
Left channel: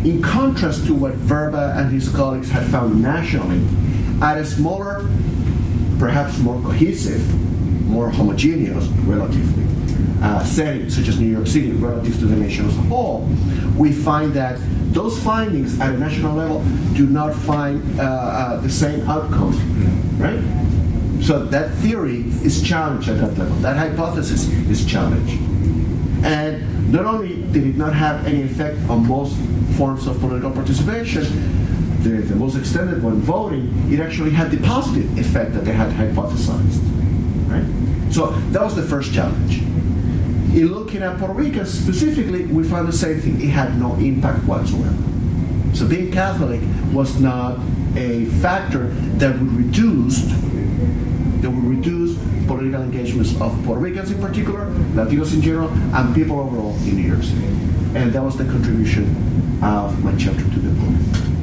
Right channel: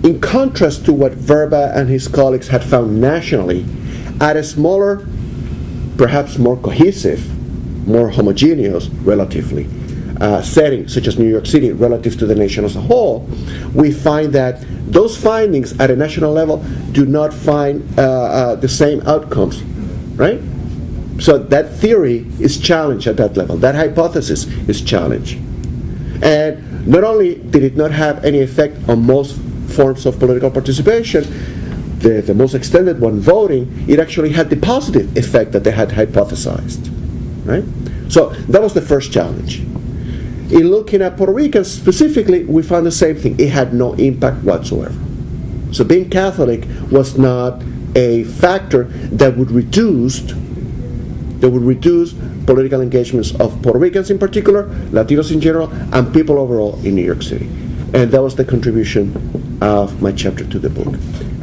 in contrast to what Verba and his colleagues had found nationally, at a smaller, perhaps more cohesive, more homogeneous, relatively, setting such as New York City relative to the nation as a whole, we find that those findings at a national level do not find the same outcomes, right? So that theory is challenged at that level. That hypothesis is challenged. And not only did it not have any effect on most forms of political participation, the most extended one, voting, it actually had the positive effect that they had hypothesized, right? So that was the first challenge. In looking at Puerto Ricans specifically, we found the same thing. It had no impact whatsoever. So being Catholic was not a factor that would reduce political engagements of Puerto Ricans in particular, Latinos in general, and people overall in New York City. And that was the contribution of my chapter to the book.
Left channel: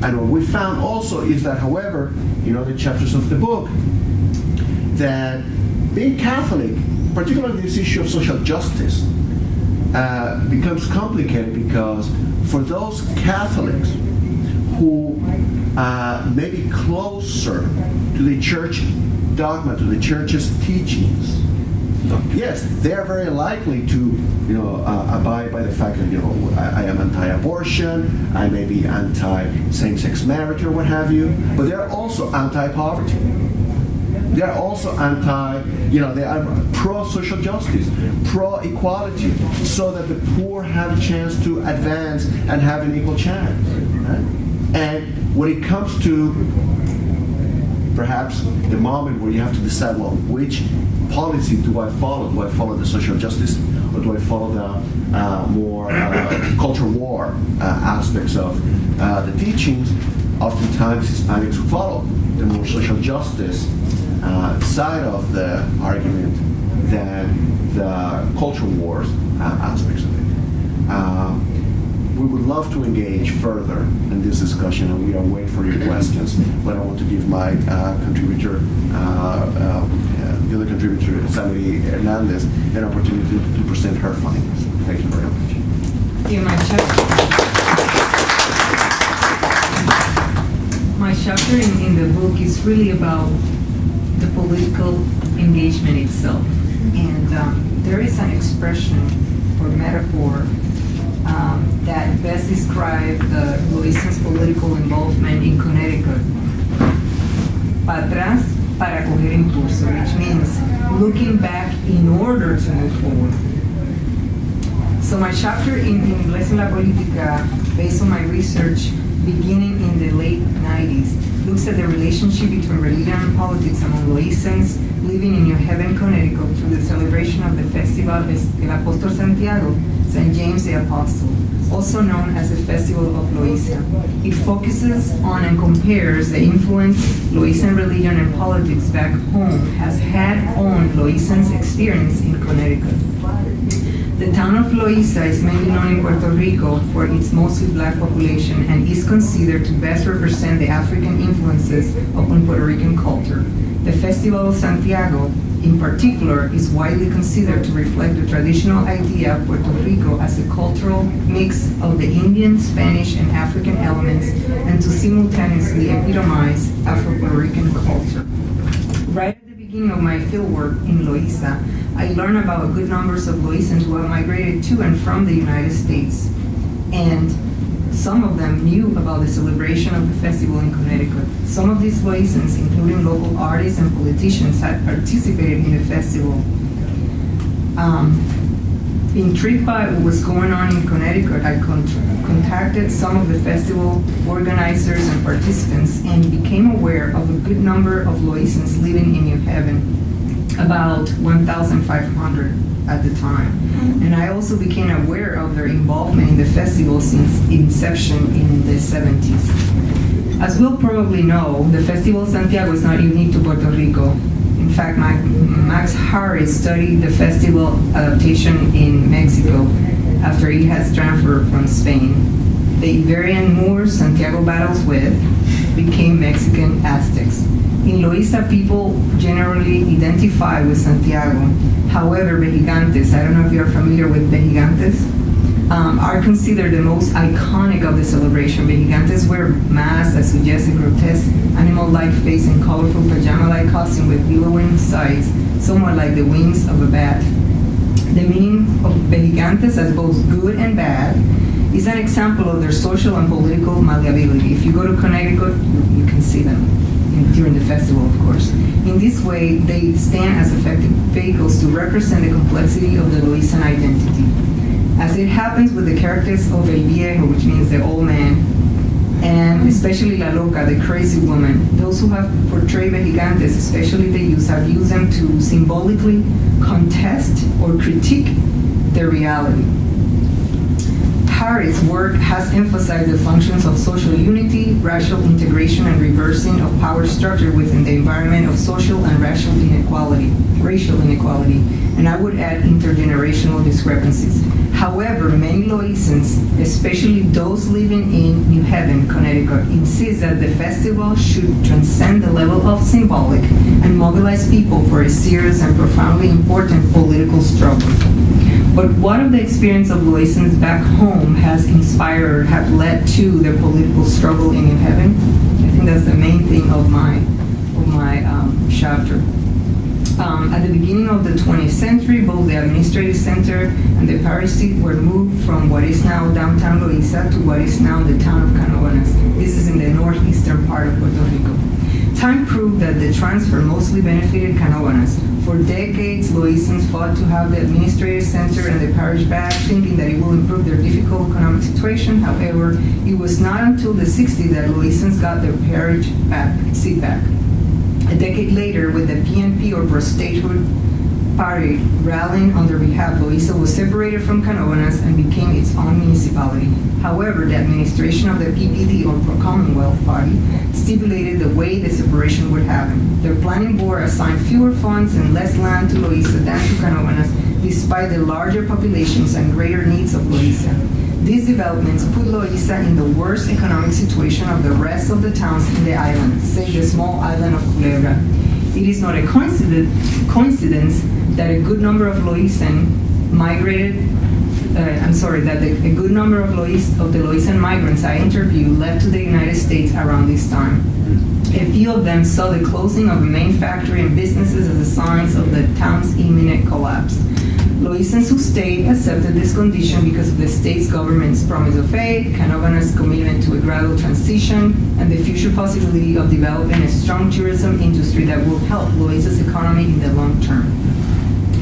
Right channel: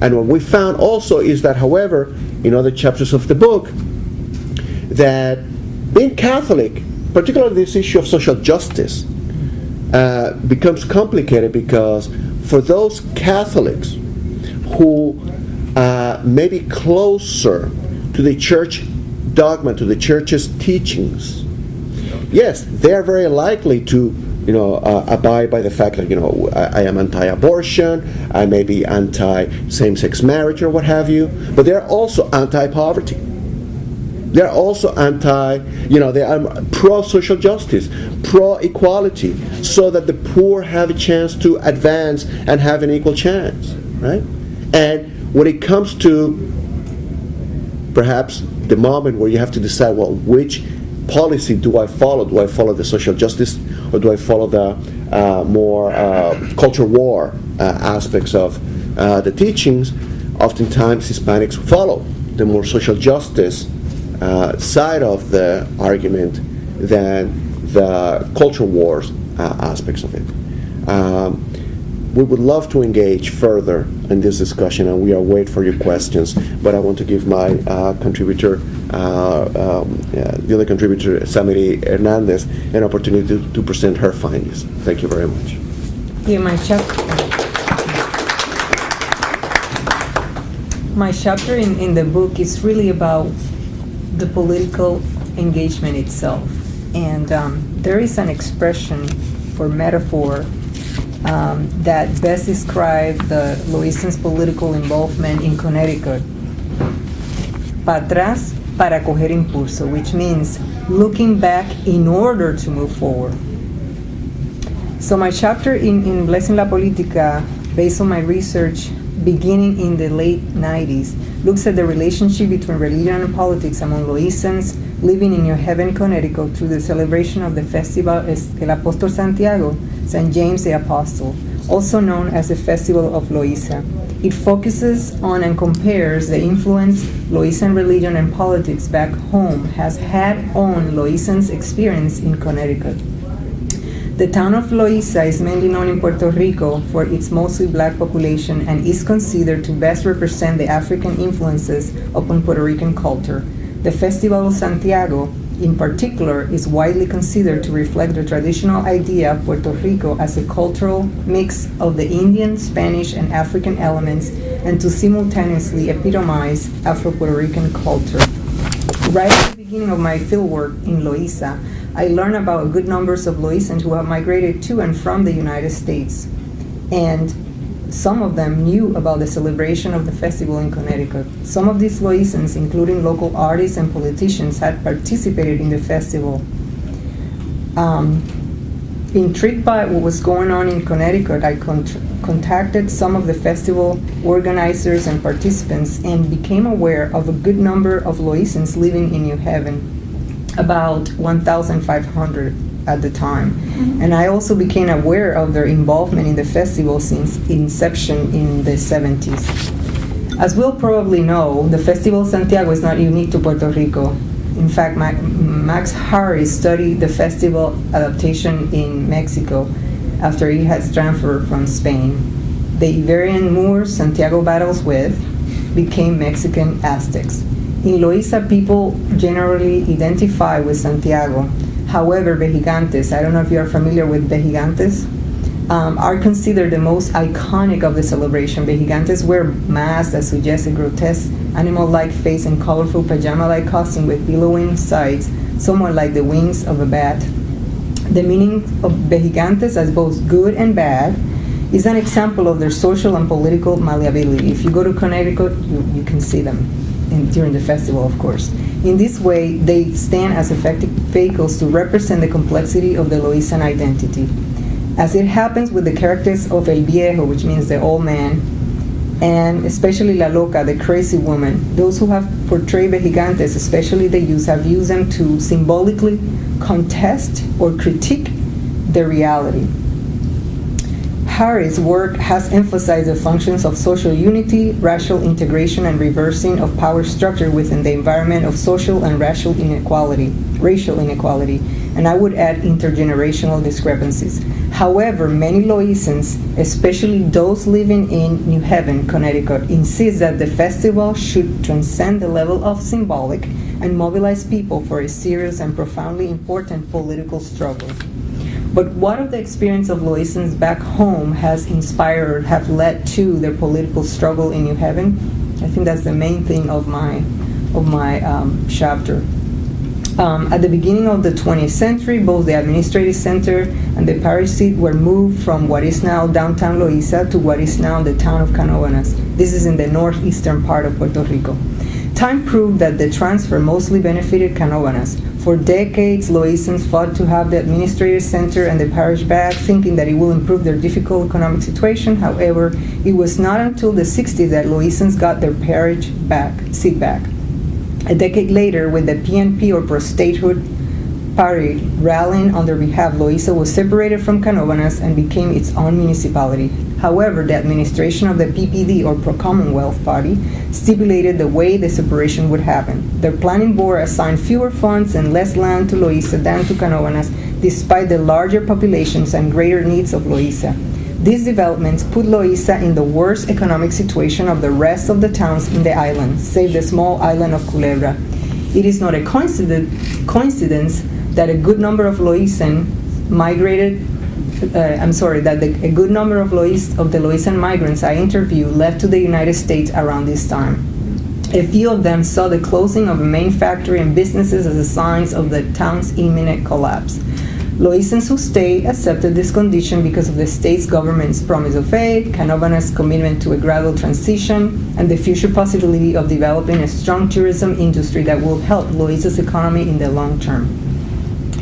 And what we found also is that, however, in other chapters of the book, that being Catholic particularly this issue of social justice becomes complicated because for those Catholics who may be closer to the church dogma, to the church's teachings, yes, they are very likely to abide by the fact that, I am anti-abortion, I may be anti-same-sex marriage or what have you, but they're also anti-poverty. They're also they are pro-social justice, pro-equality, so that the poor have a chance to advance and have an equal chance, right? And when it comes to perhaps the moment where you have to decide, well, which policy do I follow? Do I follow the social justice, or do I follow the more culture war aspects of the teachings? Oftentimes Hispanics follow the more social justice side of the argument than the culture wars aspects of it. We would love to engage further in this discussion, and we are waiting for your questions. But I want to give my contributor, the other contributor, Samiri Hernandez, an opportunity to present her findings. Thank you very much. My chapter in the book is really about the political engagement itself, and there is an expression for metaphor that best describes the Loizans' political involvement in Connecticut. Para atrás para coger impulso, which means looking back in order to move forward. So my chapter in Blessing la Politica, based on my research beginning in the late 90s, looks at the relationship between religion and politics among Loizans living in New Haven, Connecticut, through the celebration of the festival El Apóstol Santiago, St. James the Apostle, also known as the Festival of Loíza. It focuses on and compares the influence Loizan religion and politics back home has had on Loizans' experience in Connecticut. The town of Loíza is mainly known in Puerto Rico for its mostly black population and is considered to best represent the African influences upon Puerto Rican culture. The Festival of Santiago, in particular, is widely considered to reflect the traditional idea of Puerto Rico as a cultural mix of the Indian, Spanish, and African elements, and to simultaneously epitomize Afro-Puerto Rican culture. Right at the beginning of my fieldwork in Loíza, I learned about good numbers of Loizans who have migrated to and from the United States, and some of them knew about the celebration of the festival in Connecticut. Some of these Loizans, including local artists and politicians, had participated in the festival. Intrigued by what was going on in Connecticut, I contacted some of the festival organizers and participants and became aware of a good number of Loizans living in New Haven, about 1,500 at the time. And I also became aware of their involvement in the festival since inception in the 70s. As we'll probably know, the Festival of Santiago is not unique to Puerto Rico. In fact, Max Harris studied the festival adaptation in Mexico after it has transferred from Spain. The Iberian Moors Santiago battles with became Mexican Aztecs. In Loíza, people generally identify with Santiago. However, Vejigantes, I don't know if you're familiar with Vejigantes, are considered the most iconic of the celebration. Vejigantes wear masks that suggest a grotesque animal-like face and colorful pajama-like costume with billowing sides, somewhat like the wings of a bat. The meaning of Vejigantes as both good and bad is an example of their social and political malleability. If you go to Connecticut, you can see them during the festival, of course. In this way, they stand as effective vehicles to represent the complexity of the Loizan identity. As it happens with the characters of El Viejo, which means the old man, and especially La Loca, the crazy woman, those who have portrayed Vejigantes, especially the youth, have used them to symbolically contest or critique their reality. Harris' work has emphasized the functions of social unity, racial integration, and reversing of power structure within the environment of social and racial inequality, and I would add intergenerational discrepancies. However, many Loisans, especially those living in New Haven, Connecticut, insist that the festival should transcend the level of symbolic and mobilize people for a serious and profoundly important political struggle. But what of the experience of Loisans back home has inspired, have led to their political struggle in New Haven? I think that's the main thing of my chapter. At the beginning of the 20th century, both the administrative center and the parish seat were moved from what is now downtown Loíza to what is now the town of Canóvanas. This is in the northeastern part of Puerto Rico. Time proved that the transfer mostly benefited Canóvanas. For decades, Loisans fought to have the administrative center and the parish back, thinking that it will improve their difficult economic situation. However, it was not until the 60s that Loisans got their parish seat back. A decade later, with the PNP, or pro-statehood party, rallying on their behalf, Loíza was separated from Canóvanas and became its own municipality. However, the administration of the PPD, or Pro-Commonwealth Party, stipulated the way the separation would happen. Their planning board assigned fewer funds and less land to Loíza than to Canóvanas, despite the larger populations and greater needs of Loíza. These developments put Loíza in the worst economic situation of the rest of the towns in the island, save the small island of Culebra. It is not a coincidence that a good number of Loízan migrated. A good number of the Loízan migrants I interviewed left to the United States around this time. A few of them saw the closing of a main factory and businesses as a sign of the town's imminent collapse. Loízans who stayed accepted this condition because of the state's government's promise of aid, Canóvanas' commitment to a gradual transition, and the future possibility of developing a strong tourism industry that will help Loíza's economy in the long term.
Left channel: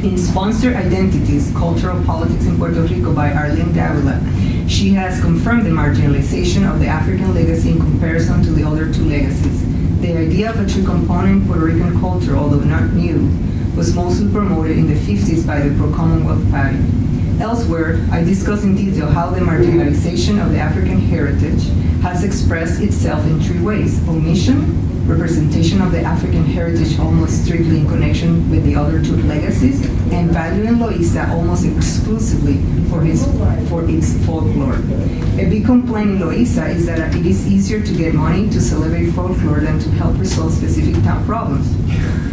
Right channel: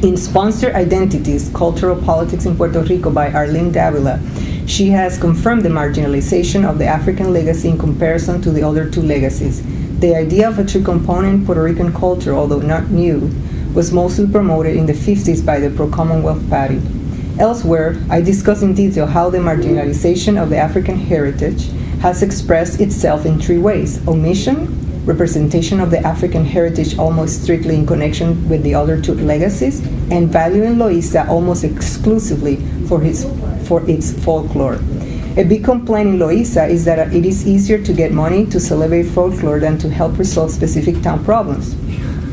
In Sponsored Identities, Cultural Politics in Puerto Rico by Arlene Davila, she has confirmed the marginalization of the African legacy in comparison to the other two legacies. The idea of a true component in Puerto Rican culture, although not new, was mostly promoted in the 50s by the Pro-Commonwealth Party. Elsewhere, I discuss in detail how the marginalization of the African heritage has expressed itself in three ways: omission, representation of the African heritage almost strictly in connection with the other two legacies, and valuing Loíza almost exclusively for its folklore. A big complaint in Loíza is that it is easier to get money to celebrate folklore than to help resolve specific town problems.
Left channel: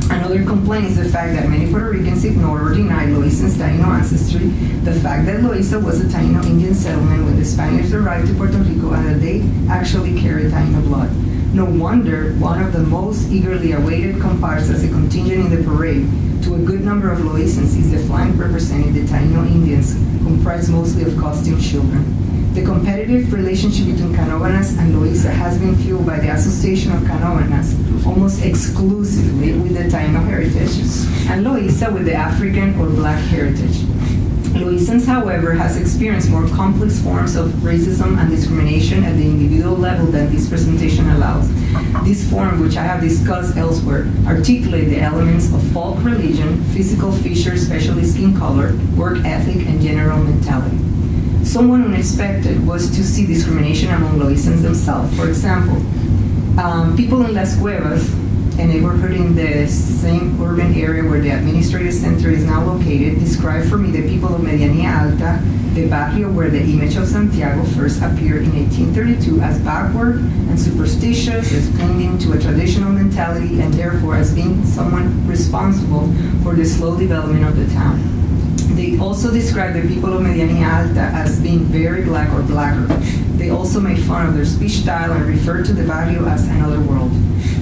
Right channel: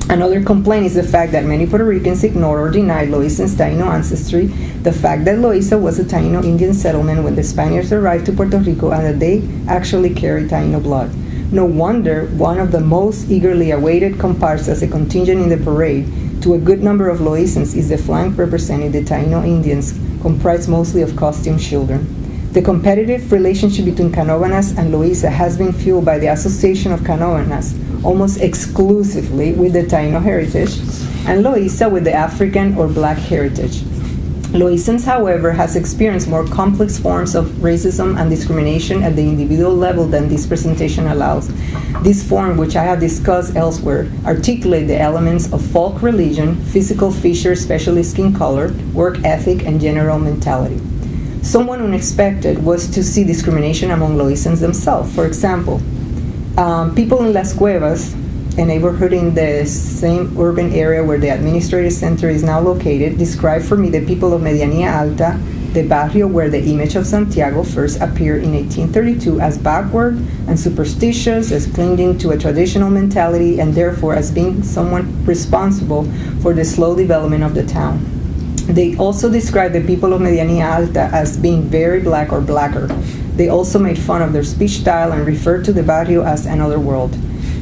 Another complaint is the fact that many Puerto Ricans ignore or deny Loízan's Taino ancestry, the fact that Loíza was a Taino Indian settlement when the Spaniards arrived to Puerto Rico and that they actually carried Taino blood. No wonder one of the most eagerly awaited comparsas as a contingent in the parade to a good number of Loízans is the flank representing the Taino Indians, comprised mostly of costume children. The competitive relationship between Canóvanas and Loíza has been fueled by the association of Canóvanas almost exclusively with the Taino heritage, and Loíza with the African or Black heritage. Loízans, however, has experienced more complex forms of racism and discrimination at the individual level than this presentation allows. This form, which I have discussed elsewhere, articulates the elements of folk religion, physical features, especially skin color, work ethic, and general mentality. Somewhat unexpected was to see discrimination among Loízans themselves. For example, people in Las Cuevas, a neighborhood in the same urban area where the administrative center is now located, described for me the people of Medianía Alta, the barrio where the image of Santiago first appeared in 1832, as backward and superstitious, as clinging to a traditional mentality, and therefore as being someone responsible for the slow development of the town. They also described the people of Medianía Alta as being very black or blacker. They also made fun of their speech style and referred to the barrio as another world.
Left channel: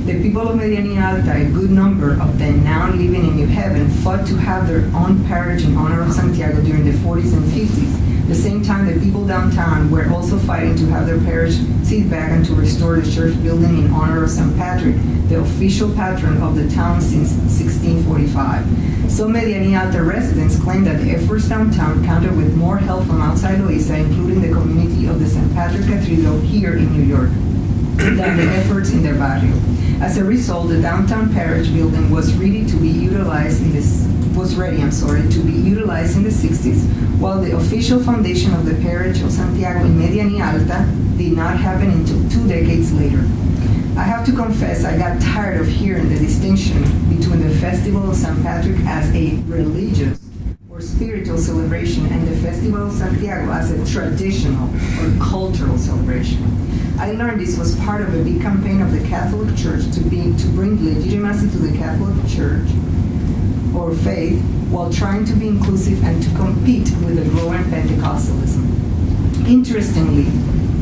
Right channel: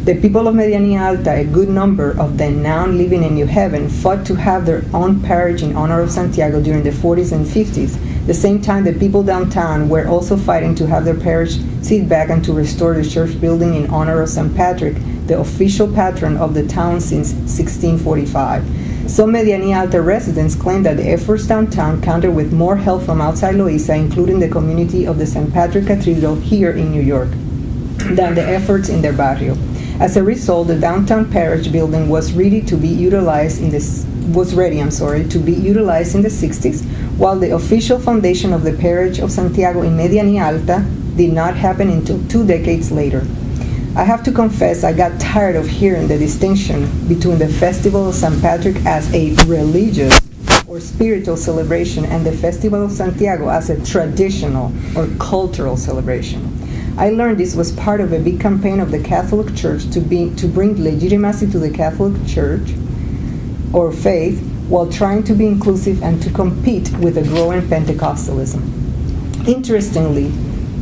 The people of Medianía Alta, a good number of them now living in New Haven, fought to have their own parish in honor of Santiago during the 40s and 50s. The same time, the people downtown were also fighting to have their parish seat back and to restore the church building in honor of St. Patrick, the official patron of the town since 1645. Some Medianía Alta residents claim that the efforts downtown countered with more help from outside Loíza, including the community of the St. Patrick Cathedral here in New York, than the efforts in their barrio. As a result, the downtown parish building was ready to be utilized in the 60s, while the official foundation of the parish of Santiago in Medianía Alta did not happen until 2 decades later. I have to confess I got tired of hearing the distinction between the festival of St. Patrick as a religious or spiritual celebration and the Festival of Santiago as a traditional or cultural celebration. I learned this was part of a big campaign of the Catholic Church to bring legitimacy to the Catholic Church or faith while trying to be inclusive and to compete with the growing Pentecostalism. Interestingly,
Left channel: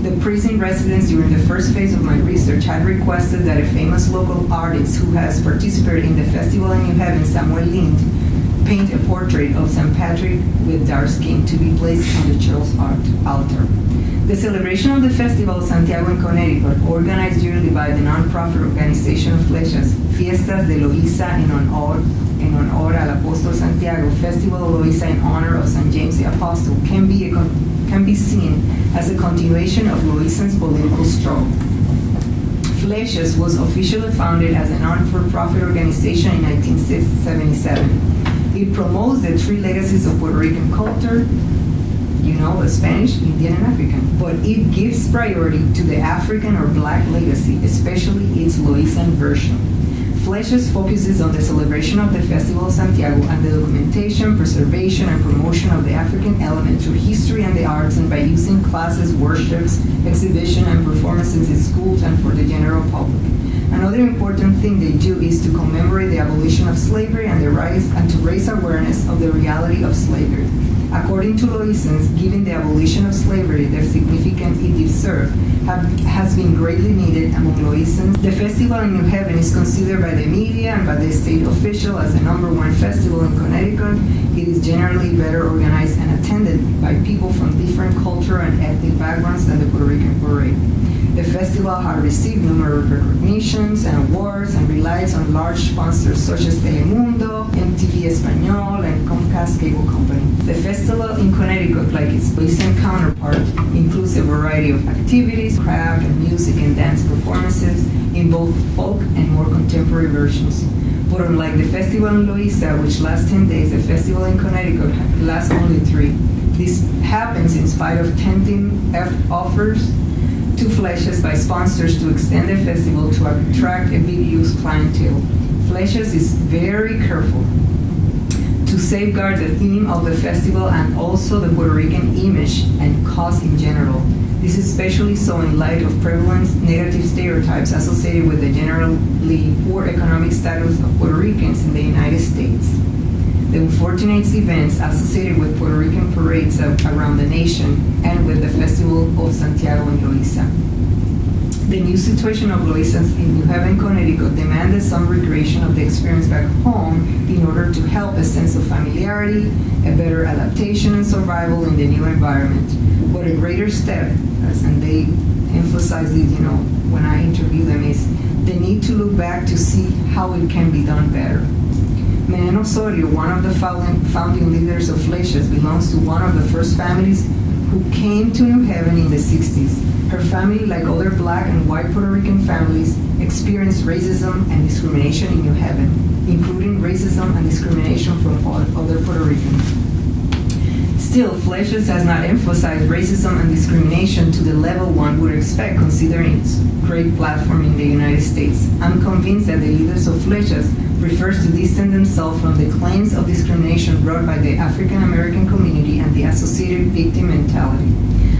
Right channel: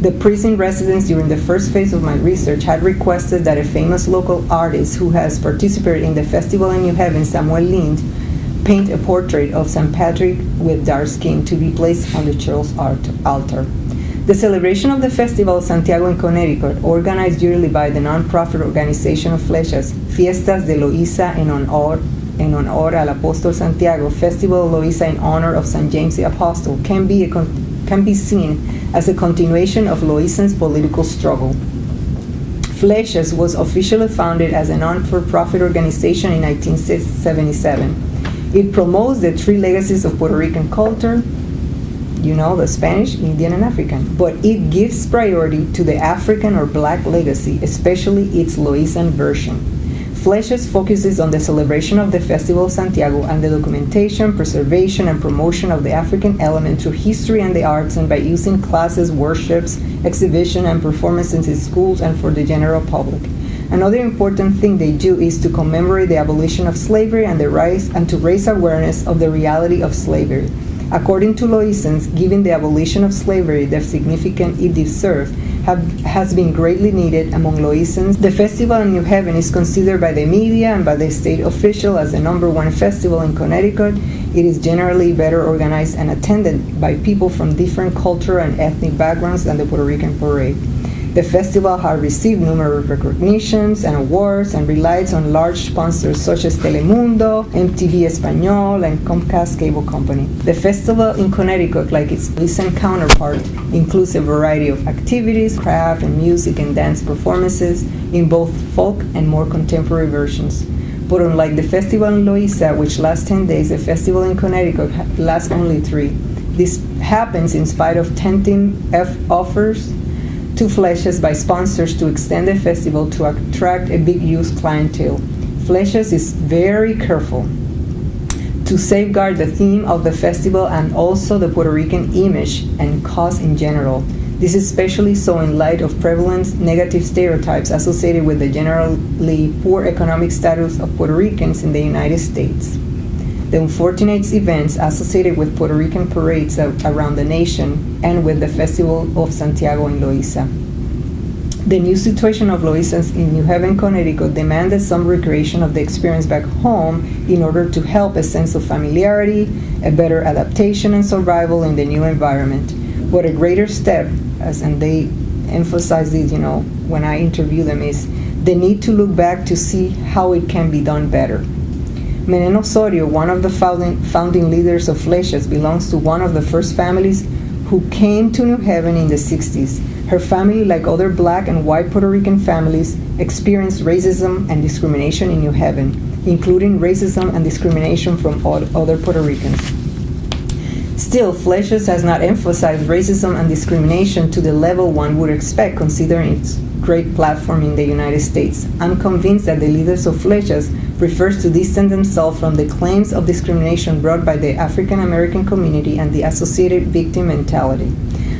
the prison residents during the first phase of my research had requested that a famous local artist who has participated in the festival in New Haven, Samuel Lind, paint a portrait of St. Patrick with dark skin to be placed on the church altar. The celebration of the Festival of Santiago in Connecticut, organized yearly by the nonprofit organization of Flechas, Fiestas de Loíza en honor al Apóstol Santiago, Festival of Loíza in honor of St. James the Apostle, can be seen as a continuation of Loízan's political struggle. Flechas was officially founded as a non-for-profit organization in 1977. It promotes the three legacies of Puerto Rican culture, the Spanish, Indian, and African. But it gives priority to the African or Black legacy, especially its Loízan version. Flechas focuses on the celebration of the Festival of Santiago and the documentation, preservation, and promotion of the African element through history and the arts, and by using classes, workshops, exhibition, and performances in schools and for the general public. Another important thing they do is to commemorate the abolition of slavery and to raise awareness of the reality of slavery. According to Loízans, given the abolition of slavery, the significance it deserved has been greatly needed among Loízans. The festival in New Haven is considered by the media and by the state official as the #1 festival in Connecticut. It is generally better organized and attended by people from different cultural and ethnic backgrounds than the Puerto Rican parade. The festival has received numerous recognitions and awards and relies on large sponsors such as Telemundo, MTV Español, and Comcast Cable Company. The festival in Connecticut, like its recent counterpart, includes a variety of activities, craft, and music and dance performances in both folk and more contemporary versions. But unlike the festival in Loíza, which lasts 10 days, the festival in Connecticut lasts only 3. This happens in spite of tempting offers to Flechas by sponsors to extend the festival to attract a big youth clientele. Flechas is very careful to safeguard the theme of the festival and also the Puerto Rican image and cause in general. This is especially so in light of prevalent negative stereotypes associated with the generally poor economic status of Puerto Ricans in the United States. The unfortunate events associated with Puerto Rican parades around the nation and with the Festival of Santiago in Loíza. The new situation of Loízas in New Haven, Connecticut demanded some recreation of the experience back home in order to help a sense of familiarity, a better adaptation and survival in the new environment. What a greater step, and they emphasize this, when I interview them, is the need to look back to see how it can be done better. Menén Osorio, one of the founding leaders of Flechas, belongs to one of the first families who came to New Haven in the 60s. Her family, like other Black and white Puerto Rican families, experienced racism and discrimination in New Haven, including racism and discrimination from other Puerto Ricans. Still, Flechas has not emphasized racism and discrimination to the level one would expect considering its great platform in the United States. I'm convinced that the leaders of Flechas prefers to distance themselves from the claims of discrimination brought by the African American community and the associated victim mentality.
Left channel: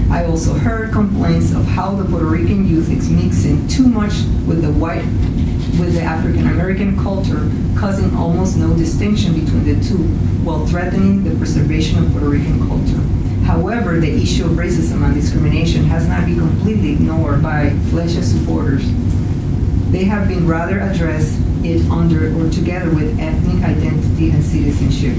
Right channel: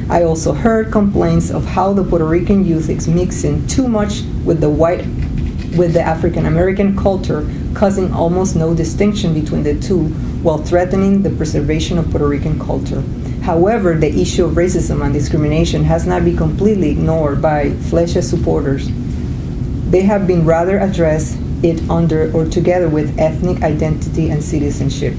I also heard complaints of how the Puerto Rican youth is mixing too much with the African American culture, causing almost no distinction between the two, while threatening the preservation of Puerto Rican culture. However, the issue of racism and discrimination has not been completely ignored by Flechas supporters. They have been rather addressed it under or together with ethnic identity and citizenship.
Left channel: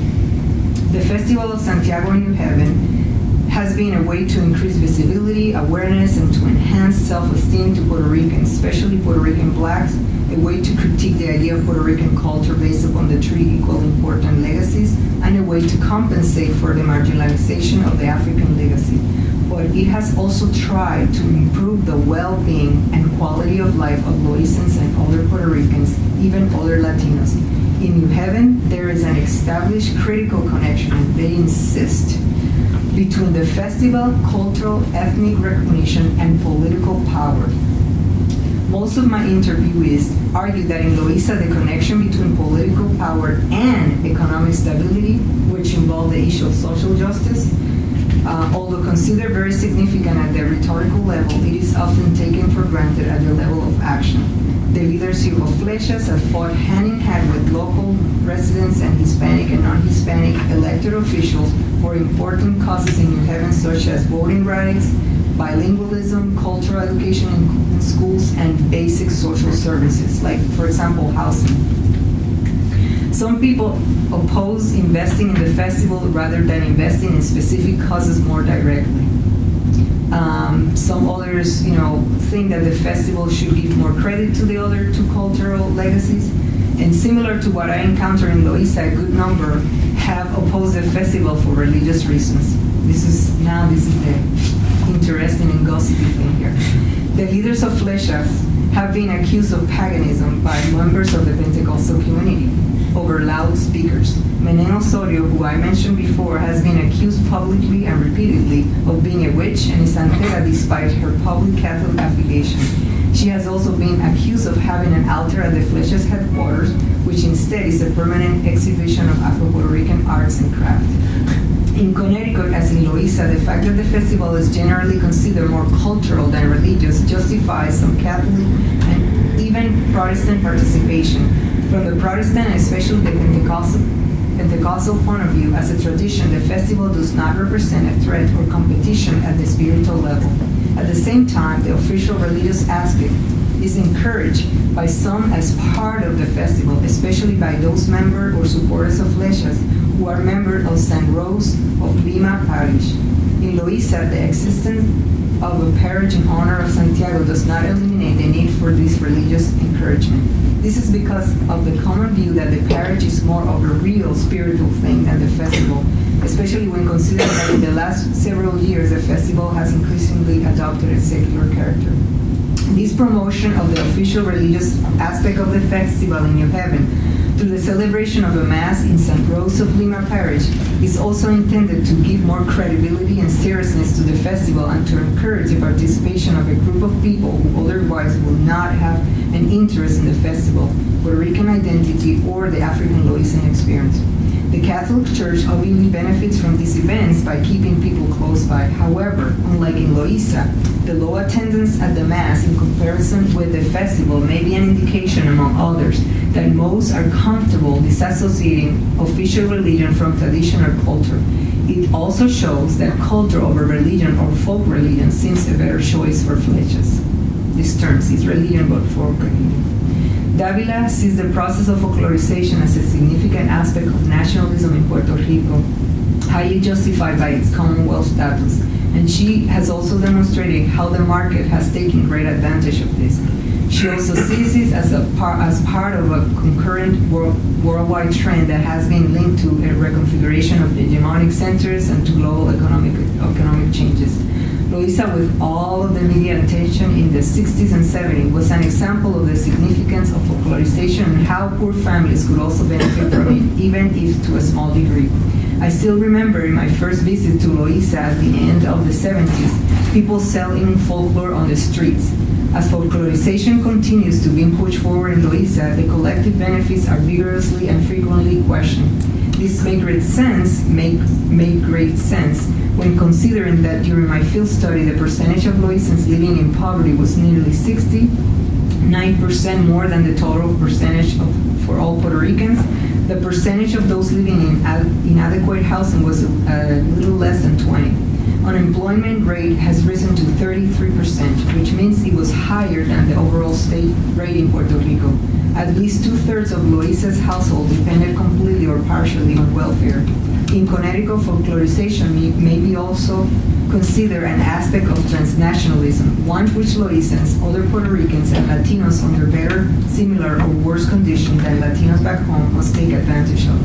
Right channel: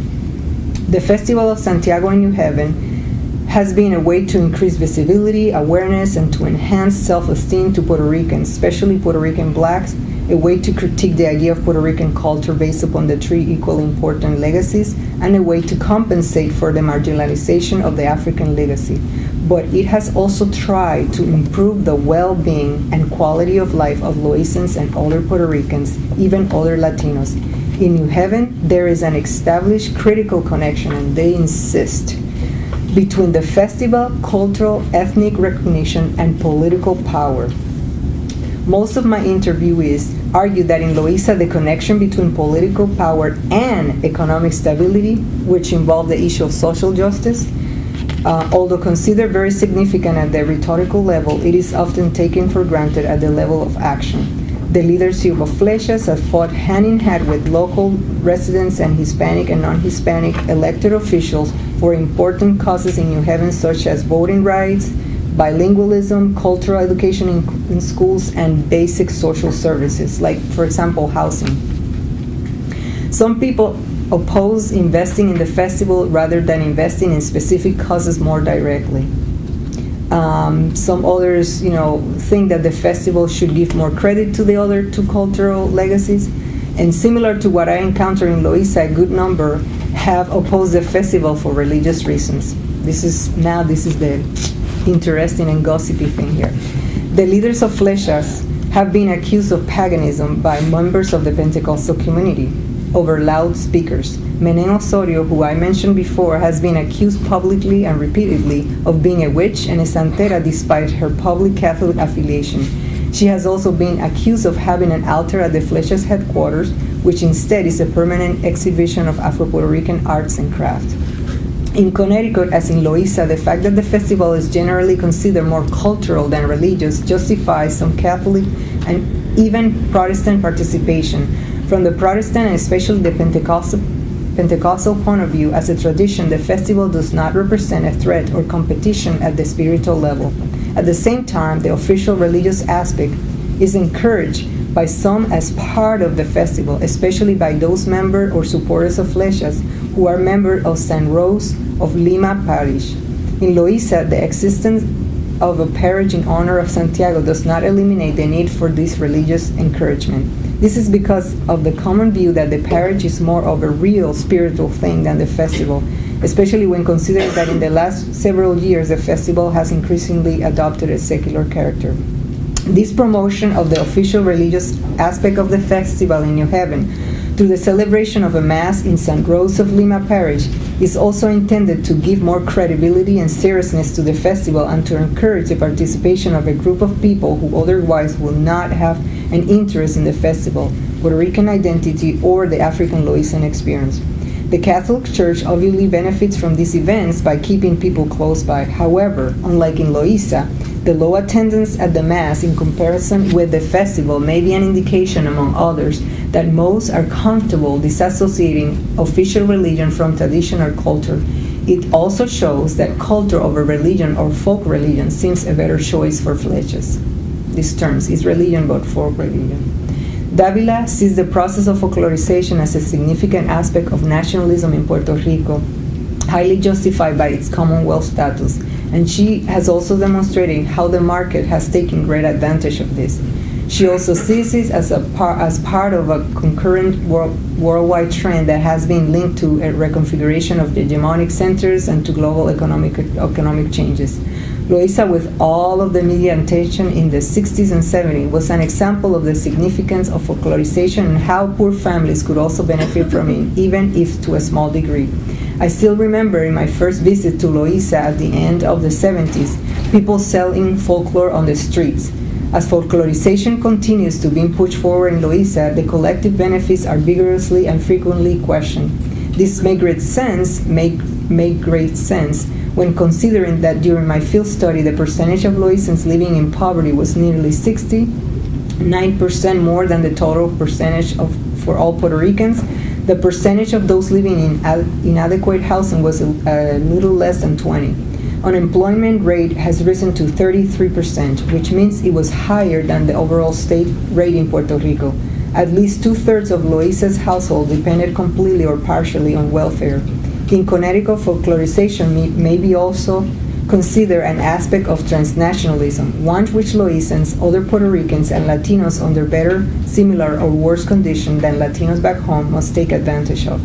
The Festival of Santiago in New Haven has been a way to increase visibility, awareness, and to enhance self-esteem to Puerto Ricans, especially Puerto Rican Blacks, a way to critique the idea of Puerto Rican culture based upon the 3 equally important legacies, and a way to compensate for the marginalization of the African legacy. But it has also tried to improve the well-being and quality of life of Loízans and other Puerto Ricans, even other Latinos. In New Haven, there is an established critical connection, and they insist, between the festival, cultural, ethnic recognition, and political power. Most of my interviewees argue that in Loíza, the connection between political power and economic stability, which involve the issue of social justice, although considered very significant at the rhetorical level, it is often taken for granted at the level of action. The leadership of Flechas have fought hand-in-hand with local residents and Hispanic and non-Hispanic elected officials for important causes in New Haven, such as voting rights, bilingualism, cultural education in schools, and basic social services, like, for example, housing. Some people oppose investing in the festival rather than investing in specific causes more directly. Some others, think that the festival should give more credit to the other two cultural legacies. And similar to what I encountered in Loíza, a good number have opposed the festival for religious reasons. This is the interesting and gossipy thing here. The leaders of Flechas have been accused of paganism by members of the Pentecostal community over loudspeakers. Menén Osorio, who I mentioned before, has been accused publicly and repeatedly of being a witch and a santera despite her public Catholic affiliation. She has also been accused of having an altar at the Flechas headquarters, which instead is a permanent exhibition of Afro-Puerto Rican arts and craft. In Connecticut, as in Loíza, the fact that the festival is generally considered more cultural than religious justifies some Catholic and even Protestant participation. From the Protestant and especially the Pentecostal point of view, as a tradition, the festival does not represent a threat or competition at the spiritual level. At the same time, the official religious aspect is encouraged by some as part of the festival, especially by those members or supporters of Flechas who are members of San Rose of Lima Parish. In Loíza, the existence of a parish in honor of Santiago does not eliminate the need for this religious encouragement. This is because of the common view that the parish is more of a real spiritual thing than the festival, especially when considering that in the last several years the festival has increasingly adopted a secular character. This promotion of the official religious aspect of the festival in New Haven through the celebration of a Mass in San Rose of Lima Parish is also intended to give more credibility and seriousness to the festival and to encourage the participation of a group of people who otherwise will not have an interest in the festival, Puerto Rican identity, or the African Loízan experience. The Catholic Church obviously benefits from these events by keeping people close by. However, unlike in Loíza, the low attendance at the Mass in comparison with the festival may be an indication, among others, that most are comfortable disassociating official religion from tradition or culture. It also shows that culture over religion or folk religion seems a better choice for Flechas. This term is religion but folk religion. Davila sees the process of folklorization as a significant aspect of nationalism in Puerto Rico, highly justified by its Commonwealth status, and she has also demonstrated how the market has taken great advantage of this. She also sees it as part of a concurrent worldwide trend that has been linked to a reconfiguration of the hegemonic centers and to global economic changes. Loíza, with all of the media attention in the 60s and 70s, was an example of the significance of folklorization and how poor families could also benefit from it, even if to a small degree. I still remember in my first visit to Loíza at the end of the 70s, people selling folklore on the streets. As folklorization continues to be pushed forward in Loíza, the collective benefits are vigorously and frequently questioned. This make great sense when considering that during my field study, the percentage of Loízans living in poverty was nearly 69% more than the total percentage for all Puerto Ricans. The percentage of those living in inadequate housing was a little less than 20%. Unemployment rate has risen to 33%, which means it was higher than the overall state rate in Puerto Rico. At least 2/3 of Loíza's household depended completely or partially on welfare. In Connecticut, folklorization may be also considered an aspect of transnationalism, one which Loízans, other Puerto Ricans, and Latinos under better, similar, or worse conditions than Latinos back home must take advantage of.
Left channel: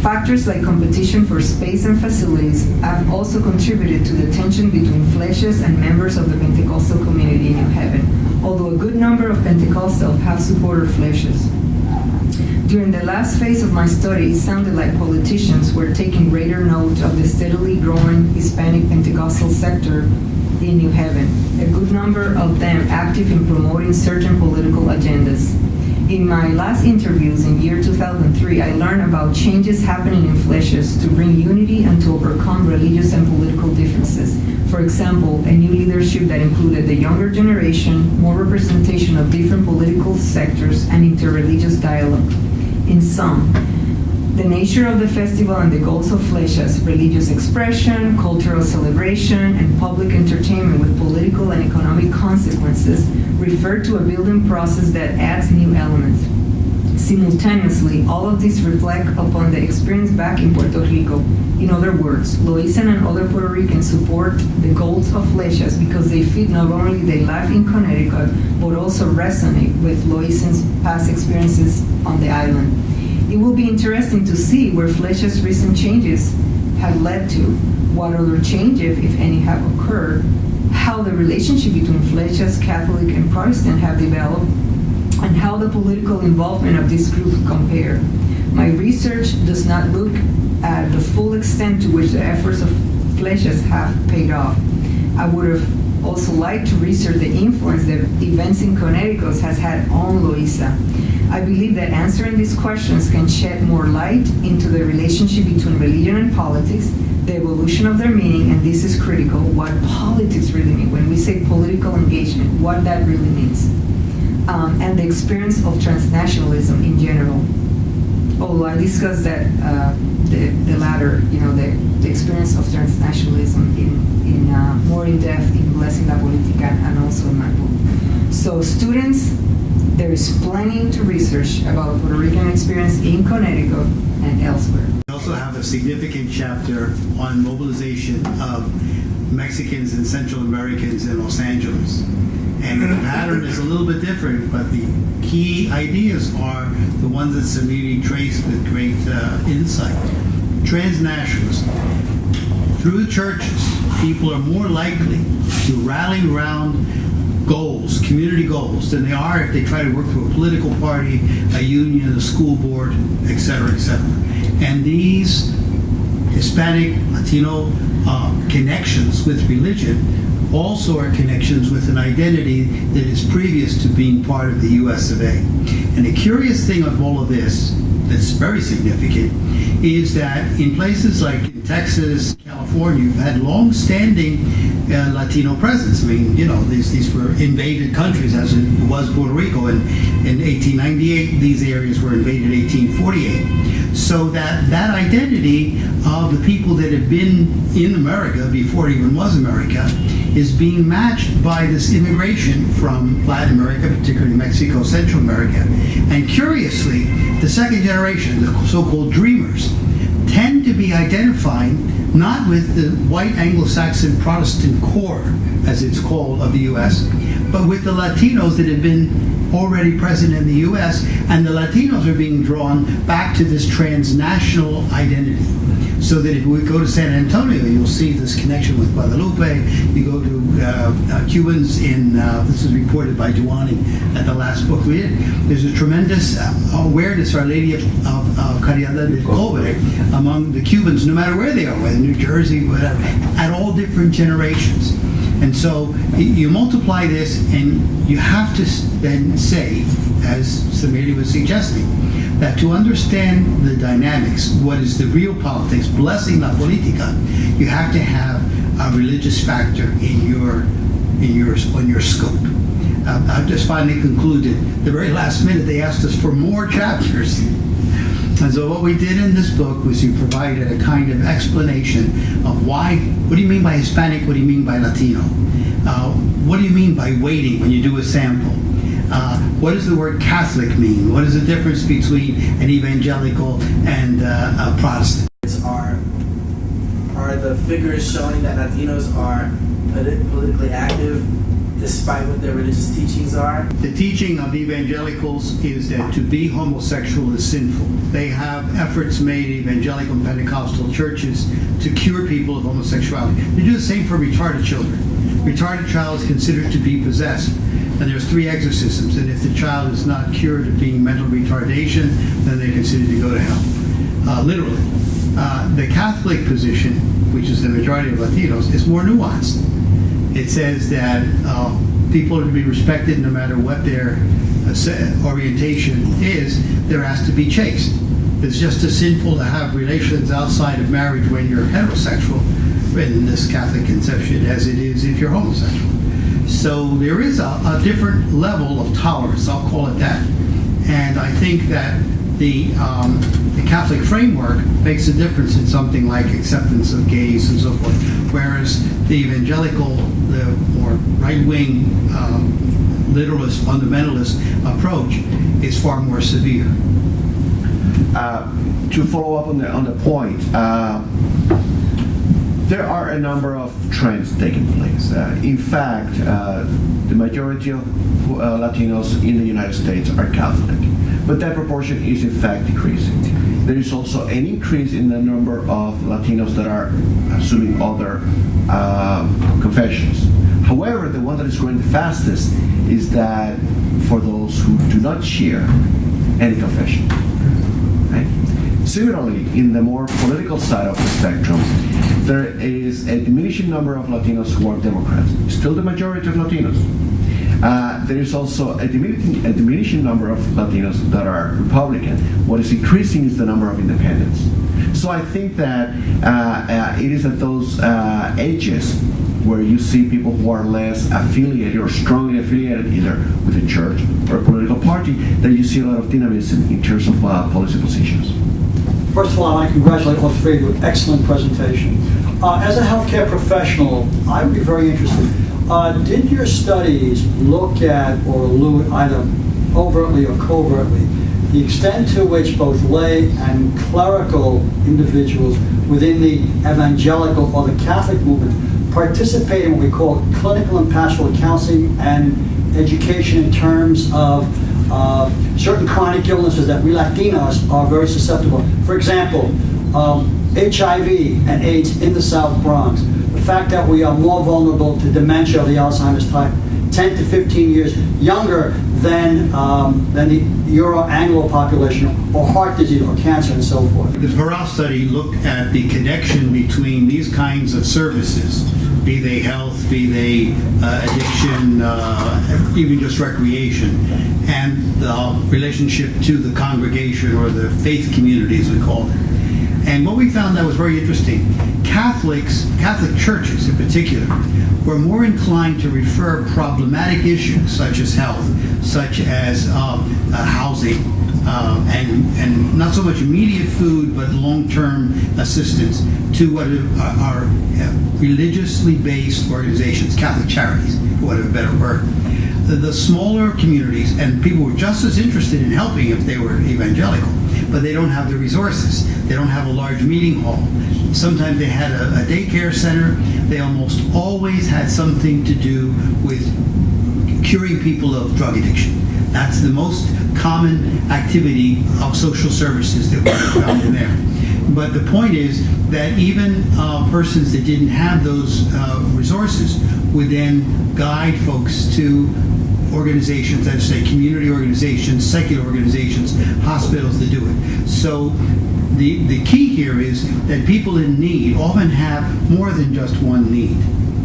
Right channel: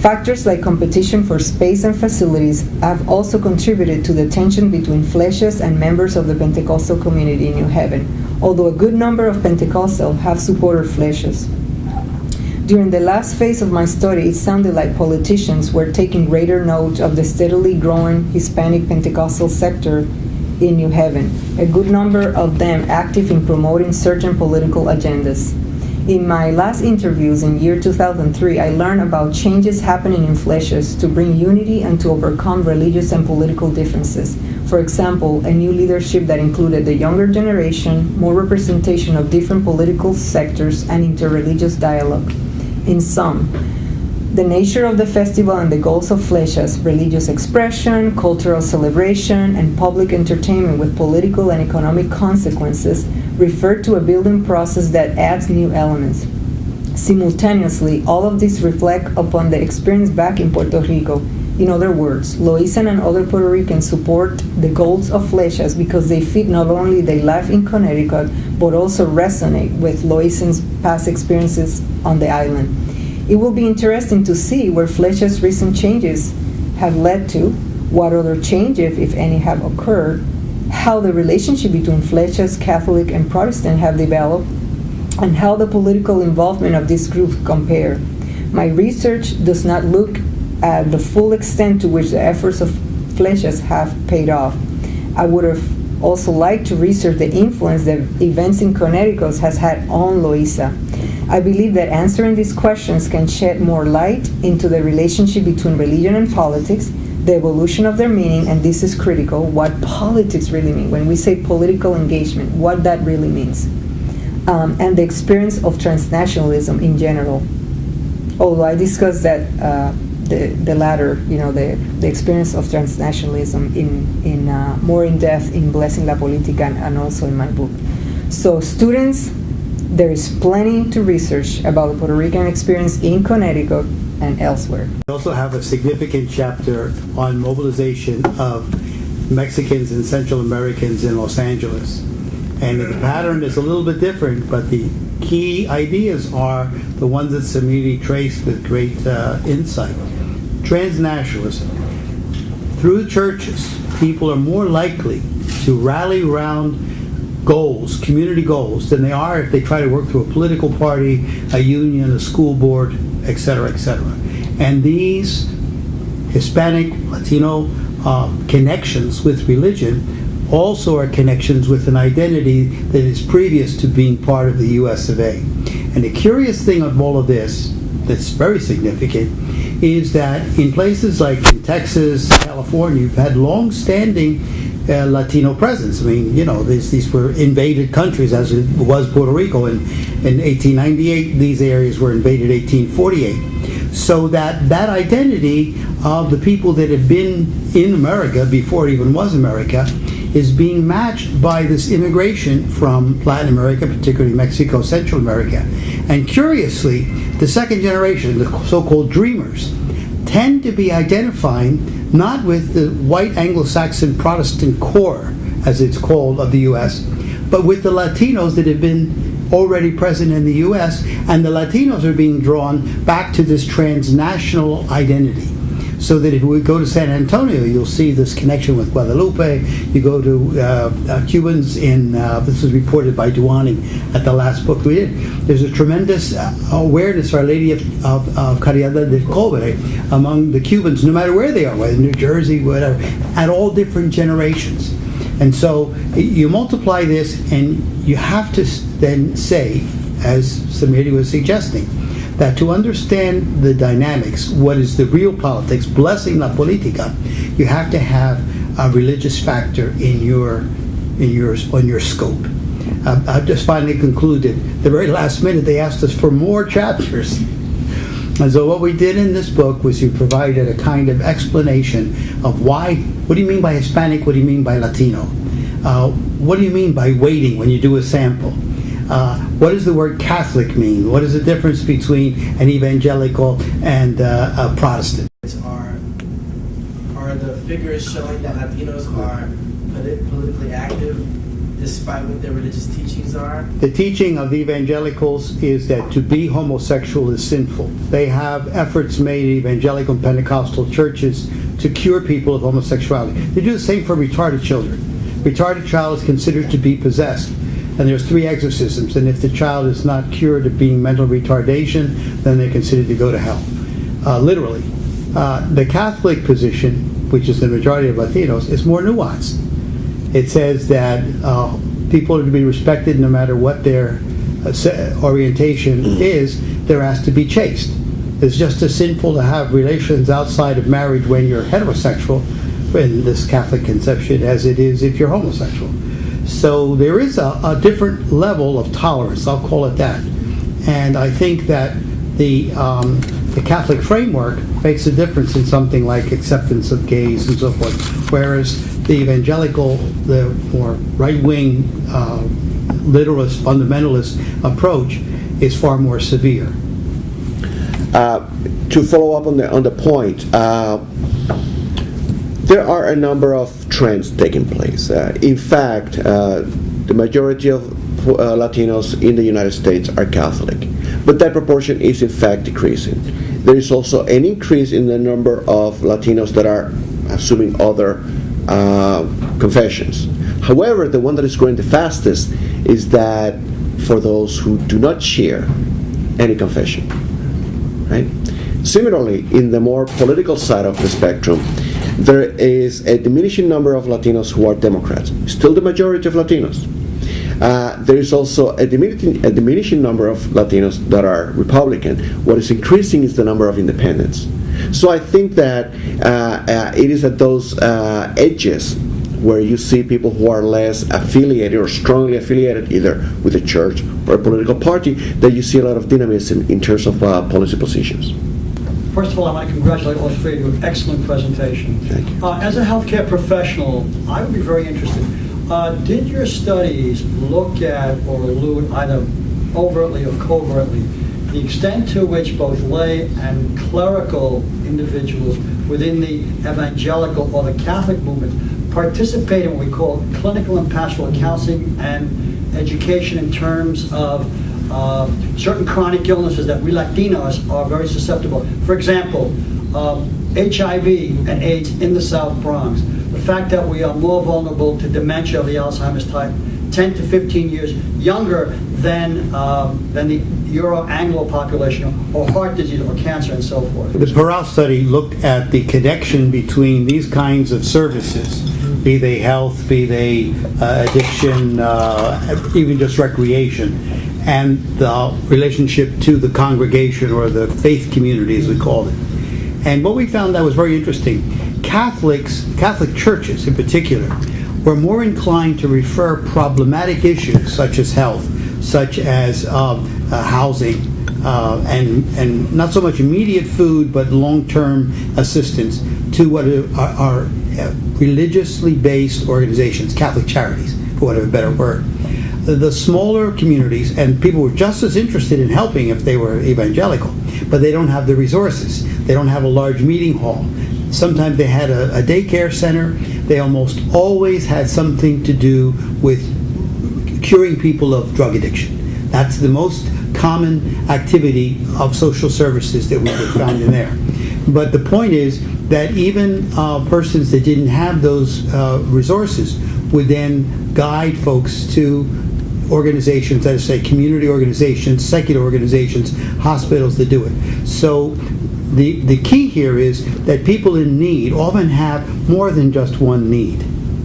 Factors like competition for space and facilities have also contributed to the tension between Flechas and members of the Pentecostal community in New Haven, although a good number of Pentecostals have supported Flechas. During the last phase of my study, it sounded like politicians were taking greater note of the steadily growing Hispanic Pentecostal sector in New Haven, a good number of them active in promoting certain political agendas. In my last interviews in year 2003, I learned about changes happening in Fleches to bring unity and to overcome religious and political differences. For example, a new leadership that included the younger generation, more representation of different political sectors, and interreligious dialogue. In sum, the nature of the festival and the goals of Fleches, religious expression, cultural celebration, and public entertainment with political and economic consequences, refer to a building process that adds new elements. Simultaneously, all of these reflect upon the experience back in Puerto Rico. In other words, Loisan and other Puerto Ricans support the goals of Fleches because they fit not only their life in Connecticut, but also resonate with Loisan's past experiences on the island. It will be interesting to see where Fleches' recent changes have led to, what other changes, if any, have occurred, how the relationship between Fleches, Catholic, and Protestant have developed, and how the political involvement of this group compare. My research does not look at the full extent to which the efforts of Fleches have paid off. I would have also liked to research the influence that events in Connecticut has had on Loíza. I believe that answering these questions can shed more light into the relationship between religion and politics, the evolution of their meaning, and this is critical, what politics really mean. When we say political engagement, what that really means. And the experience of transnationalism in general. Although I discussed that, the latter, the experience of transnationalism in more in depth in Blessing La Politica and also in my book. So students, there is plenty to research about the Puerto Rican experience in Connecticut and elsewhere. We also have a significant chapter on mobilization of Mexicans and Central Americans in Los Angeles. And the pattern is a little bit different, but the key ideas are the ones that Samiri traced with great insight. Transnationalism. Through the churches, people are more likely to rally around goals, community goals, than they are if they try to work through a political party, a union, a school board, etc., etc. And these Hispanic, Latino connections with religion also are connections with an identity that is previous to being part of the US of A. And the curious thing of all of this, that's very significant, is that in places like in Texas, California, you've had long-standing Latino presence. I mean, these were invaded countries, as it was Puerto Rico in 1898. These areas were invaded 1848. So that identity of the people that had been in America before it even was America is being matched by this immigration from Latin America, particularly Mexico, Central America. And curiously, the second generation, the so-called dreamers, tend to be identifying not with the white Anglo-Saxon Protestant core, as it's called, of the U.S., but with the Latinos that have been already present in the U.S., and the Latinos are being drawn back to this transnational identity. So that if we go to San Antonio, you'll see this connection with Guadalupe. You go to Cubans in, this was reported by Duani at the last book we did. There's a tremendous awareness, Our Lady of Caridad del Cobre, among the Cubans, no matter where they are, whether New Jersey, whatever, at all different generations. And so you multiply this, and you have to then say, as Samiri was suggesting, that to understand the dynamics, what is the real politics, blessing la politica, you have to have a religious factor in your scope. I've just finally concluded. The very last minute, they asked us for more chapters. And so what we did in this book was we provided a kind of explanation of why, what do you mean by Hispanic, what do you mean by Latino? What do you mean by waiting when you do a sample? What does the word Catholic mean? What is the difference between an evangelical and a Protestant? Are the figures showing that Latinos are politically active despite what their religious teachings are? The teaching of evangelicals is that to be homosexual is sinful. They have efforts made in evangelical and Pentecostal churches to cure people of homosexuality. They do the same for retarded children. Retarded child is considered to be possessed. And there's 3 exorcisms, and if the child is not cured of being mental retardation, then they're considered to go to hell, literally. The Catholic position, which is the majority of Latinos, is more nuanced. It says that people are to be respected no matter what their orientation is. They're asked to be chaste. It's just as sinful to have relations outside of marriage when you're heterosexual, in this Catholic conception, as it is if you're homosexual. So there is a different level of tolerance, I'll call it that. And I think that the Catholic framework makes a difference in something like acceptance of gays and so forth, whereas the evangelical, the more right-wing, literalist, fundamentalist approach is far more severe. To follow up on the point, there are a number of trends taking place. In fact, the majority of Latinos in the United States are Catholic, but that proportion is in fact decreasing. There is also an increase in the number of Latinos that are assuming other confessions. However, the one that is growing the fastest is that for those who do not share any confession. Right? Similarly, in the more political side of the spectrum, there is a diminishing number of Latinos who are Democrats, still the majority of Latinos. There is also a diminishing number of Latinos that are Republican. What is increasing is the number of independents. So I think that it is at those edges where you see people who are less affiliated or strongly affiliated either with a church or a political party that you see a lot of dynamism in terms of policy positions. First of all, I want to congratulate all three of you. Excellent presentation. As a healthcare professional, I would be very interested. Did your studies look at or allude either overtly or covertly the extent to which both lay and clerical individuals within the evangelical or the Catholic movement participate in what we call clinical and pastoral counseling and education in terms of certain chronic illnesses that we Latinos are very susceptible. For example, HIV and AIDS in the South Bronx. The fact that we are more vulnerable to dementia of the Alzheimer's type, 10 to 15 years younger than the Euro-Anglo population, or heart disease or cancer and so forth. The Peral study looked at the connection between these kinds of services, be they health, be they addiction, even just recreation, and the relationship to the congregation or the faith community, as we call it. And what we found that was very interesting, Catholic churches in particular, were more inclined to refer problematic issues such as health, such as housing, and not so much immediate food, but long-term assistance to what are religiously based organizations, Catholic charities, for want of a better word. The smaller communities, and people were just as interested in helping if they were evangelical, but they don't have the resources. They don't have a large meeting hall. Sometimes they had a daycare center. They almost always had something to do with curing people of drug addiction. That's the most common activity of social services that we found in there. But the point is that even persons that didn't have those resources would then guide folks to organizations, as I say, community organizations, secular organizations, hospitals that do it. So the key here is that people in need often have more than just one need.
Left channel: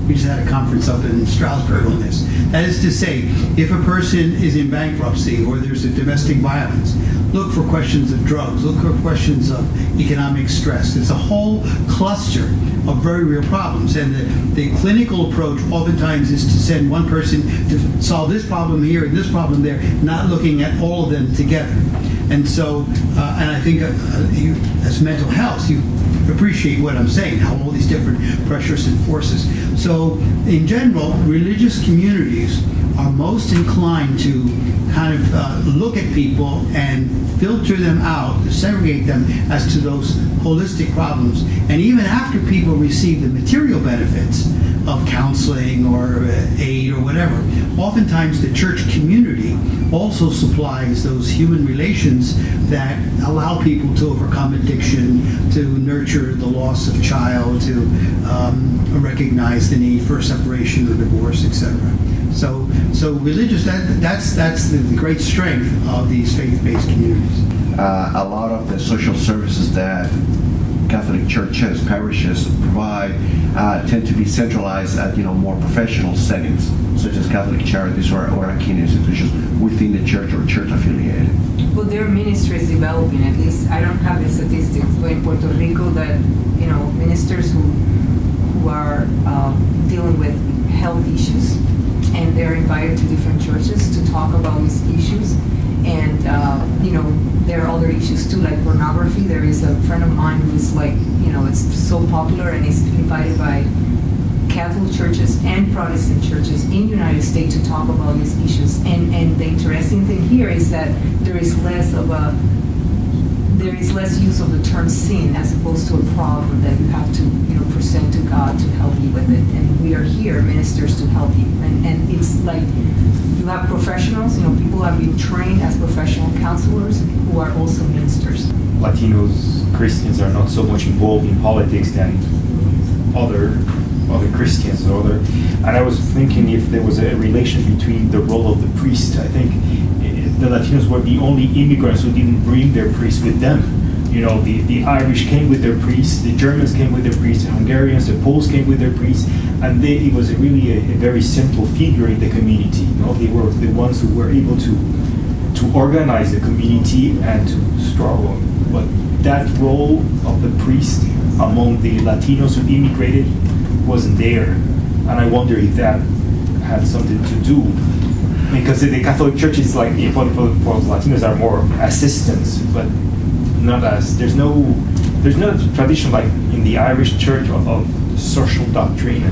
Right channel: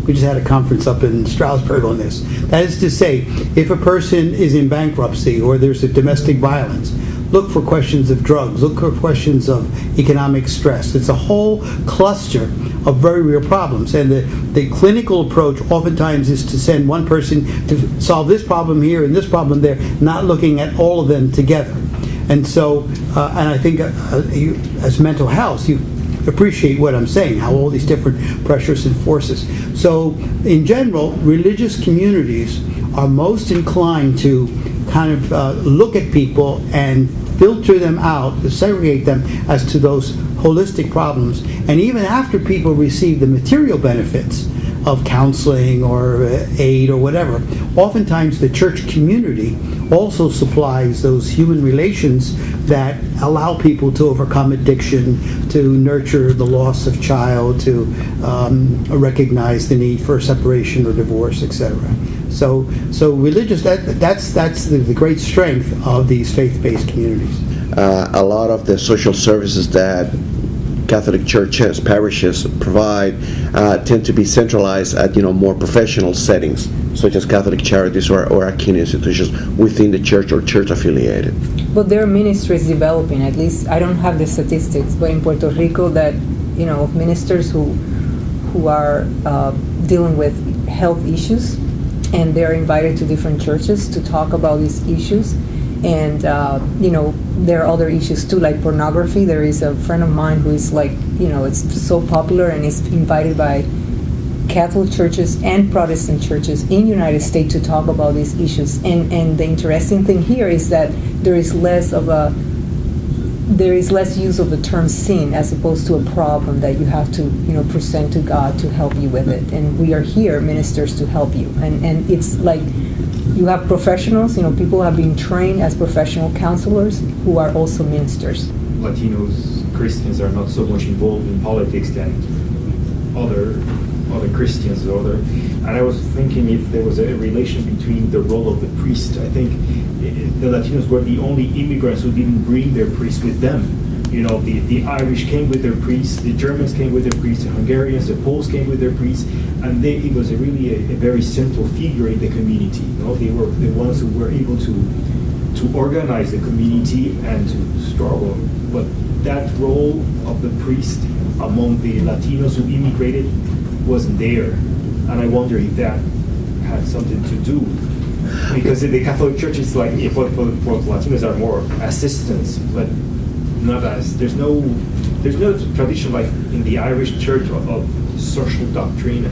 We just had a conference up in Stroudsburg on this. That is to say, if a person is in bankruptcy or there's a domestic violence, look for questions of drugs, look for questions of economic stress. It's a whole cluster of very real problems. And the clinical approach oftentimes is to send one person to solve this problem here and this problem there, not looking at all of them together. And so, and I think you, as mental health, you appreciate what I'm saying, how all these different pressures and forces. So, in general, religious communities are most inclined to kind of look at people and filter them out, to segregate them as to those holistic problems. And even after people receive the material benefits of counseling or aid or whatever, oftentimes the church community also supplies those human relations that allow people to overcome addiction, to nurture the loss of child, to recognize the need for separation or divorce, etc. So religious, that's the great strength of these faith-based communities. A lot of the social services that Catholic churches, parishes provide tend to be centralized at more professional settings, such as Catholic charities or akin institutions within the church or church affiliated. But there are ministries developing, at least I don't have the statistics, but in Puerto Rico that, of ministers who are dealing with health issues, and they're invited to different churches to talk about these issues. And, there are other issues too, like pornography. There is a friend of mine who is like, it's so popular and is invited by Catholic churches and Protestant churches in the United States to talk about these issues. And the interesting thing here is that there is less use of the term sin as opposed to a problem that you have to, present to God to help you with it. And we are here, ministers, to help you. And it's like you have professionals, people who have been trained as professional counselors who are also ministers. Latinos, Christians are not so much involved in politics than other Christians and I was thinking if there was a relation between the role of the priest. I think the Latinos were the only immigrants who didn't bring their priests with them. The Irish came with their priests, the Germans came with their priests, the Hungarians, the Poles came with their priests, and it was really a very central figure in the community. They were the ones who were able to organize the community and to struggle. But that role of the priest among the Latinos who immigrated wasn't there, and I wonder if that had something to do. Because the Catholic Church is like, for Latinos are more assistants, but not as, there's no tradition like in the Irish Church of social doctrine.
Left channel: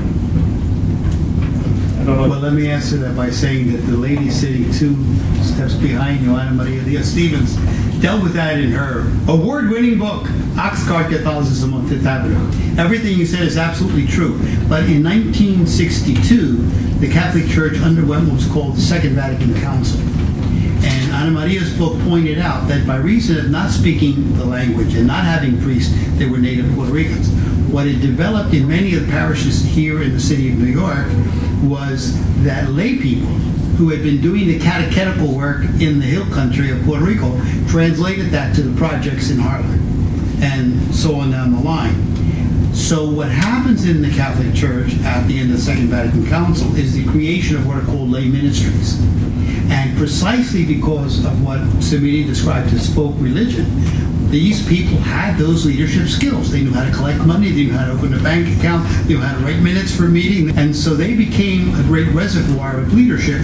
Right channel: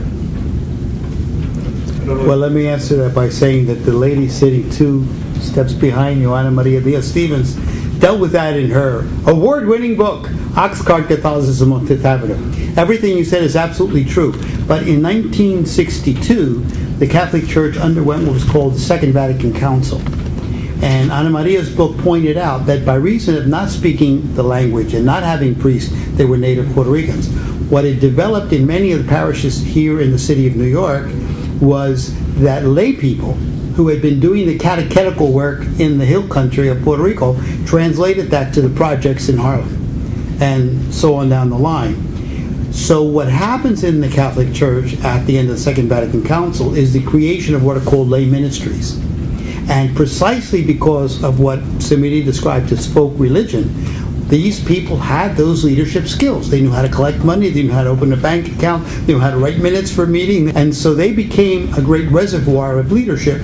I don't know. Well, let me answer that by saying that the lady sitting 2 steps behind you, Ana Maria Diaz-Stevens, dealt with that in her award-winning book, Oxcart Catholicism on Fifth Avenue. Everything you said is absolutely true. But in 1962, the Catholic Church underwent what was called the Second Vatican Council. And Ana Maria's book pointed out that by reason of not speaking the language and not having priests, they were native Puerto Ricans. What had developed in many of the parishes here in the city of New York was that lay people who had been doing the catechetical work in the hill country of Puerto Rico translated that to the projects in Harlem, and so on down the line. So what happens in the Catholic Church at the end of the Second Vatican Council is the creation of what are called lay ministries. And precisely because of what Samiri described as folk religion, these people had those leadership skills. They knew how to collect money, they knew how to open a bank account, they knew how to write minutes for a meeting. And so they became a great reservoir of leadership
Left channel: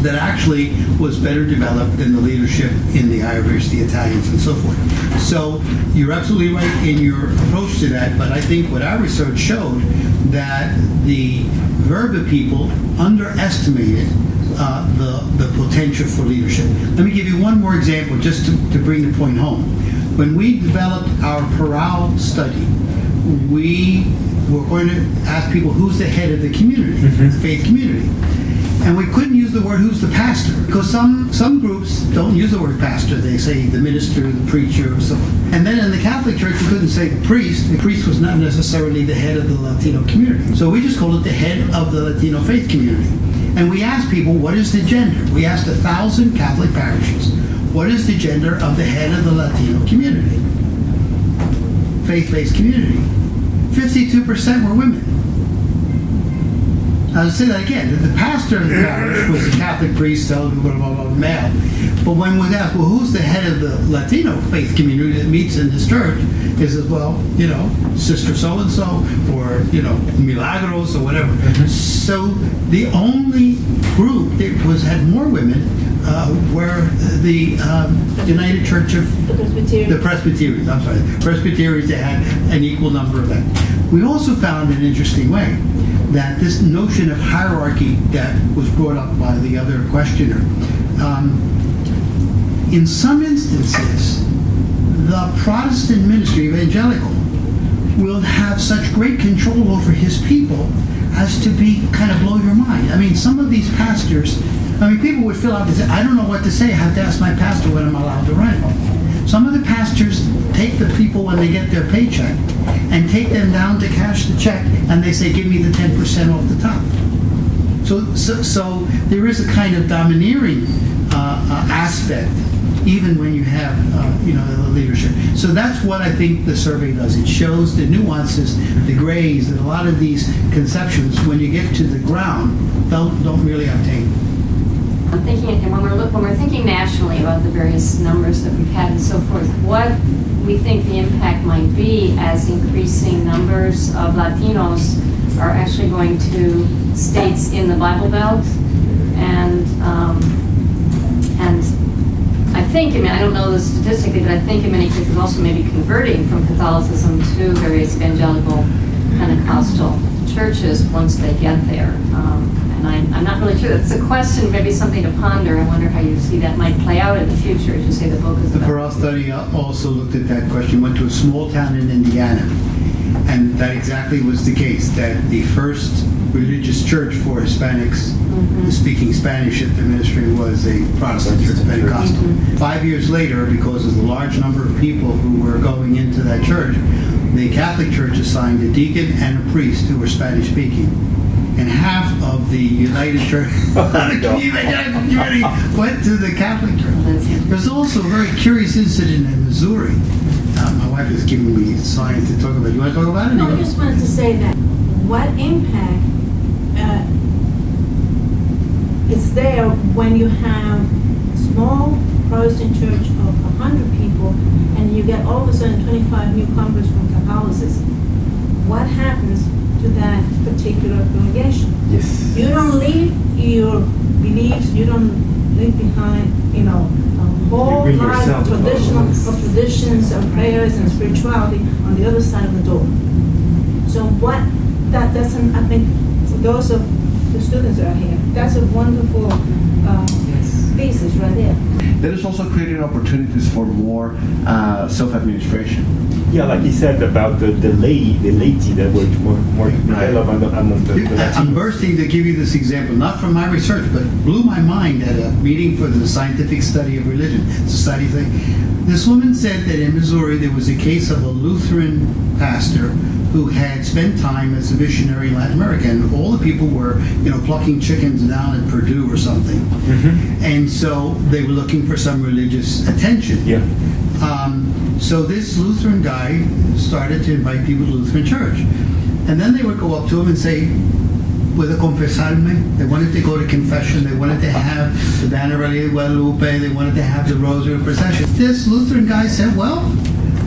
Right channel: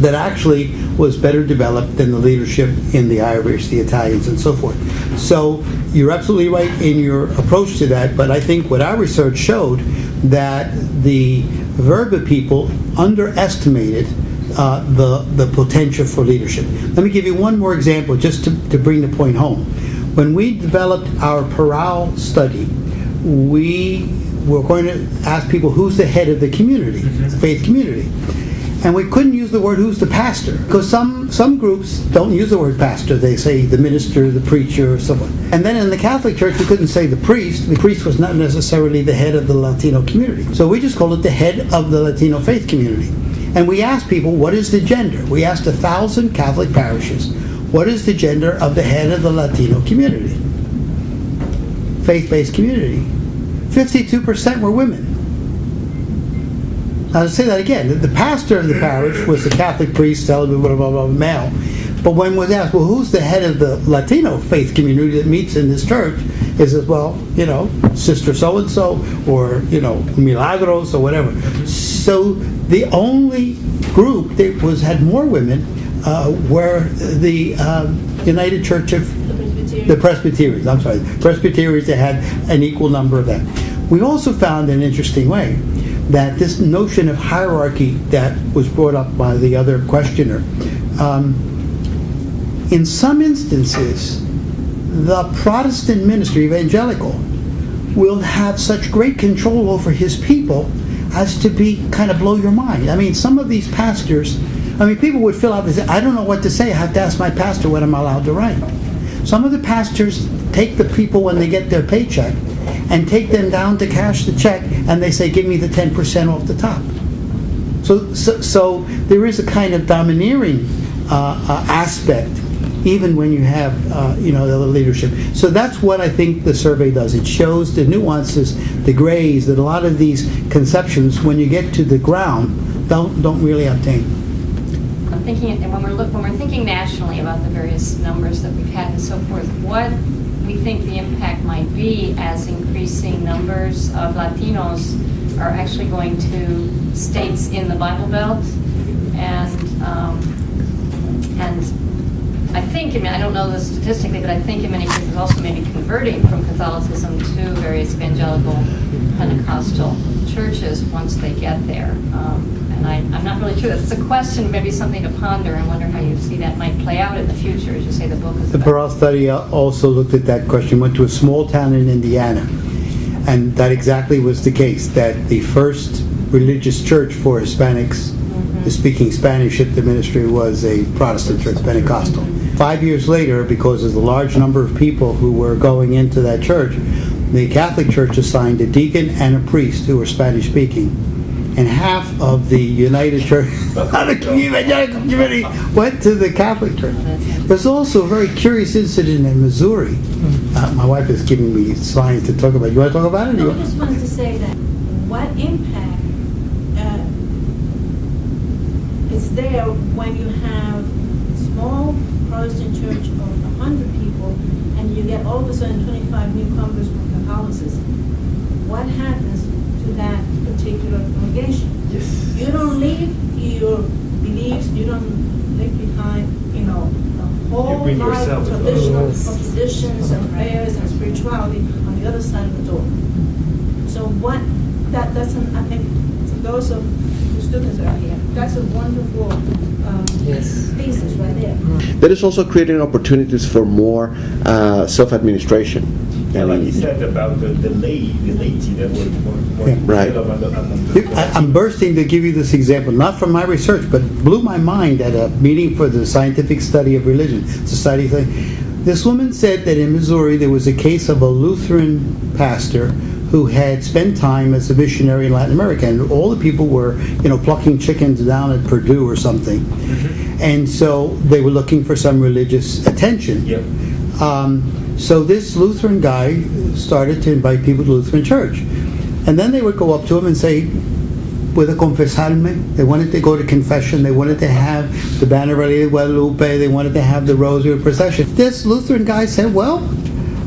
that actually was better developed than the leadership in the Irish, the Italians, and so forth. So you're absolutely right in your approach to that, but I think what our research showed that the Verba people underestimated the potential for leadership. Let me give you one more example just to bring the point home. When we developed our Parral study, we were going to ask people who's the head of the community, the faith community. And we couldn't use the word who's the pastor, because some groups don't use the word pastor. They say the minister, the preacher, or someone. And then in the Catholic Church, we couldn't say the priest. The priest was not necessarily the head of the Latino community. So we just called it the head of the Latino faith community. And we asked people, what is the gender? We asked 1,000 Catholic parishes, what is the gender of the head of the Latino community? Faith-based community. 52% were women. I'll say that again. The pastor of the parish was the Catholic priest, celibate, blah, blah, blah, male. But when was asked, well, who's the head of the Latino faith community that meets in this church? He says, well, Sister so-and-so, or, Milagros, or whatever. So the only group that had more women were the United Church of the Presbyterians. I'm sorry, the Presbyterians. They had an equal number of them. We also found an interesting way that this notion of hierarchy that was brought up by the other questioner, in some instances, the Protestant ministry, evangelical, will have such great control over his people as to be kind of blow your mind. I mean, some of these pastors, people would fill out and say, I don't know what to say, I have to ask my pastor what I'm allowed to write. Some of the pastors take the people when they get their paycheck and take them down to cash the check, and they say, give me the 10% off the top. So there is a kind of domineering aspect even when you have, the other leadership. So that's what I think the survey does. It shows the nuances, the grays, that a lot of these conceptions, when you get to the ground, don't really obtain. I'm thinking, and when we're thinking nationally about the various numbers that we've had and so forth, what we think the impact might be as increasing numbers of Latinos are actually going to states in the Bible Belt, and I think, I don't know this statistically, but I think in many cases also maybe converting from Catholicism to various evangelical Pentecostal churches once they get there. And I'm not really sure. It's a question, maybe something to ponder. I wonder how you see that might play out in the future, as you say the book is The about. Burrell study also looked at that question, went to a small town in Indiana, and that exactly was the case, that the first religious church for Hispanics speaking Spanish at the ministry was a Protestant church, Pentecostal. 5 years later, because of the large number of people who were going into that church, the Catholic Church assigned a deacon and a priest who were Spanish speaking. And half of the United Church community went to the Catholic Church. There's also a very curious incident in Missouri. My wife is giving me signs to talk about. Do you want to talk about it? No, I just wanted to say that what impact is there when you have a small Protestant church of 100 people and you get all of a sudden 25 newcomers from Catholicism? What happens to that particular congregation? Yes. You don't leave your beliefs, you don't leave behind, a whole bring lot of yourself. traditions and prayers and spirituality on the other side of the door. So that doesn't, I think, for those of the students that are here, that's a wonderful thesis right there. That is also creating opportunities for more self-administration. Yeah, like you said about the laity that were more Right. I'm bursting to give you this example, not from my research, but blew my mind at a meeting for the Scientific Study of Religion Society thing. This woman said that in Missouri there was a case of a Lutheran pastor who had spent time as a missionary in Latin America, and all the people were, plucking chickens down at Purdue or something. And so they were looking for some religious attention. Yeah. So this Lutheran guy started to invite people to Lutheran church. And then they would go up to him and say, "Puedo confesarme?" They wanted to go to confession. They wanted to have the Banner of Guadalupe. They wanted to have the Rosary procession. This Lutheran guy said, "Well,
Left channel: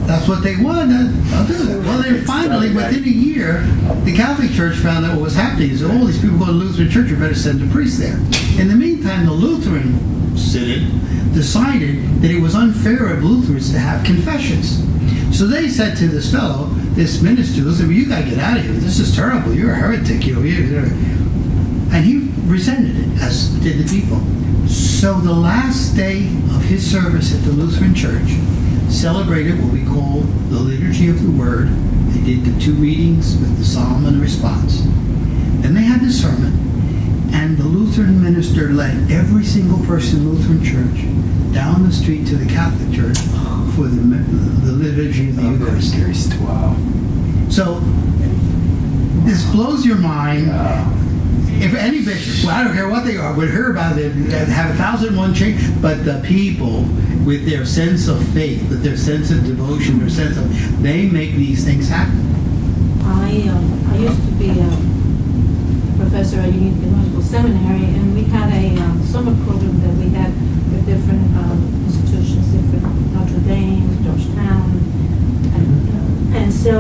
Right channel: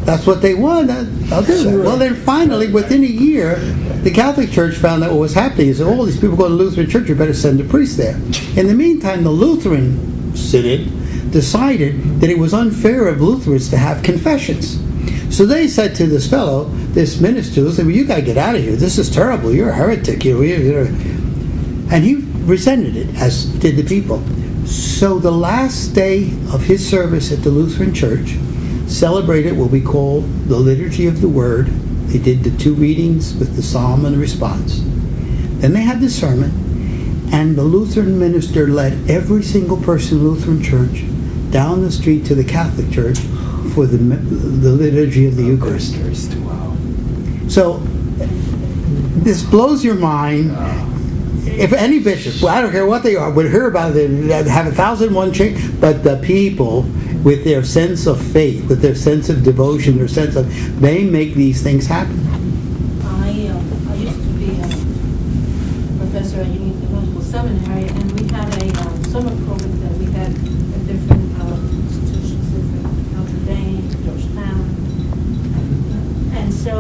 that's what they want. I'll do that." Well, then finally, within a year, the Catholic Church found out what was happening. They said, "Oh, these people go to Lutheran church. You better send a priest there." In the meantime, the Lutheran synod decided that it was unfair of Lutherans to have confessions. So they said to this fellow, this minister, "Listen, you got to get out of here. This is terrible. You're a heretic." And he resented it, as did the people. So the last day of his service at the Lutheran Church celebrated what we call the Liturgy of the Word. They did the 2 readings with the psalm and the response. Then they had the sermon, and the Lutheran minister led every single person in the Lutheran Church down the street to the Catholic Church for the Liturgy of the Eucharist. Wow. So this blows your mind. If any bishop, well, I don't care what they are, would hear about it, they'd have 1,001 change, but the people, with their sense of faith, with their sense of devotion, their sense of, they make these things happen. I used to be a professor at Union Theological Seminary, and we had a summer program that we had at different institutions, different Notre Dame, Georgetown, and so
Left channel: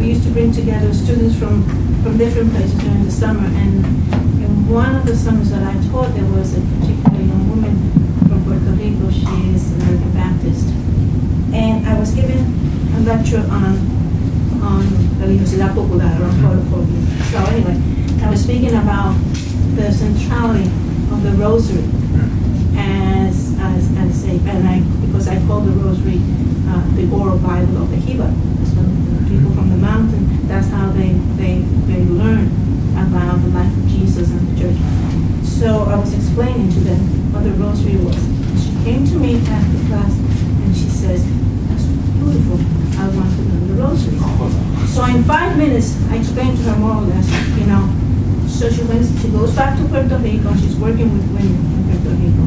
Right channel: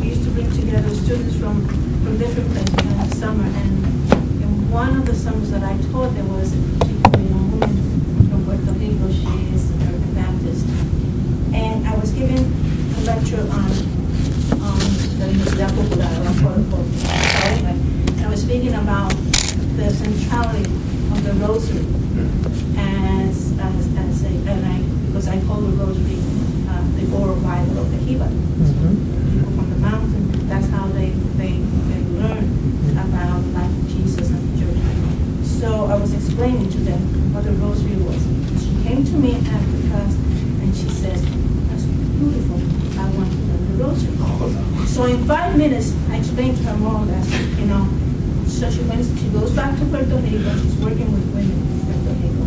we used to bring together students from different places during the summer. And in one of the summers that I taught, there was a particular young woman from Puerto Rico. She is American Baptist, and I was giving a lecture on the Universidad Popular on Puerto. So anyway, I was speaking about the centrality of the Rosary because I call the Rosary the oral Bible of the Hiba. So people from the mountain, that's how they learn about the life of Jesus and the church. So I was explaining to them what the Rosary was. And she came to me after class and she says, "That's beautiful. I want to learn the Rosary." So in 5 minutes, I explained to her more or less, So she goes back to Puerto Rico. She's working with women in Puerto Rico.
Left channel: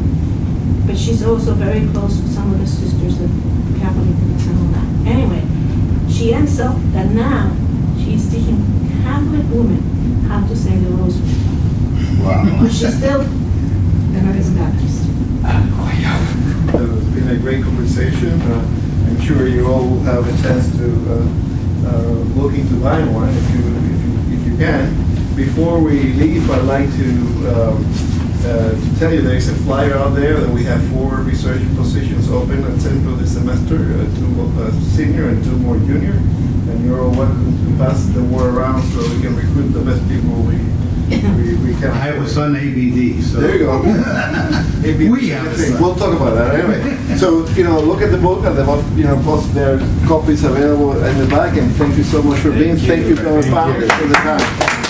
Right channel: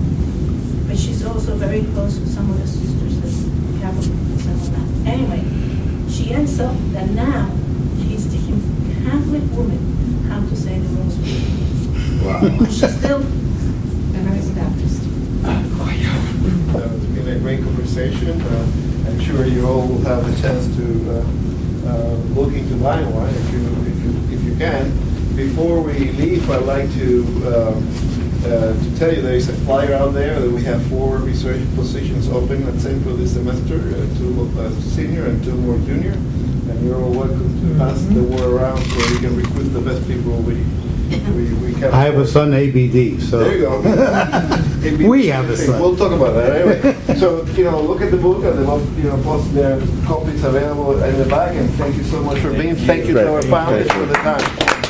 but she's also very close to some of the sisters as Catholic and some of that. Anyway, she ends up that now she's teaching Catholic women how to say the rosary. Wow. But she's still a Methodist Baptist. It's been a great conversation. I'm sure you all will have a chance to look into line one if you can. Before we leave, I'd like to tell you there is a flyer out there that we have 4 research positions open at Centro this semester, 2 senior and 2 more junior. And you're all welcome to pass the word around so we can recruit the best people we can. I have a son, ABD, so. There you go. We have a son. We'll talk about that anyway. So, look at the book, and plus there are copies available in the back, and thank you so much for being. Thank you to our founders for the time.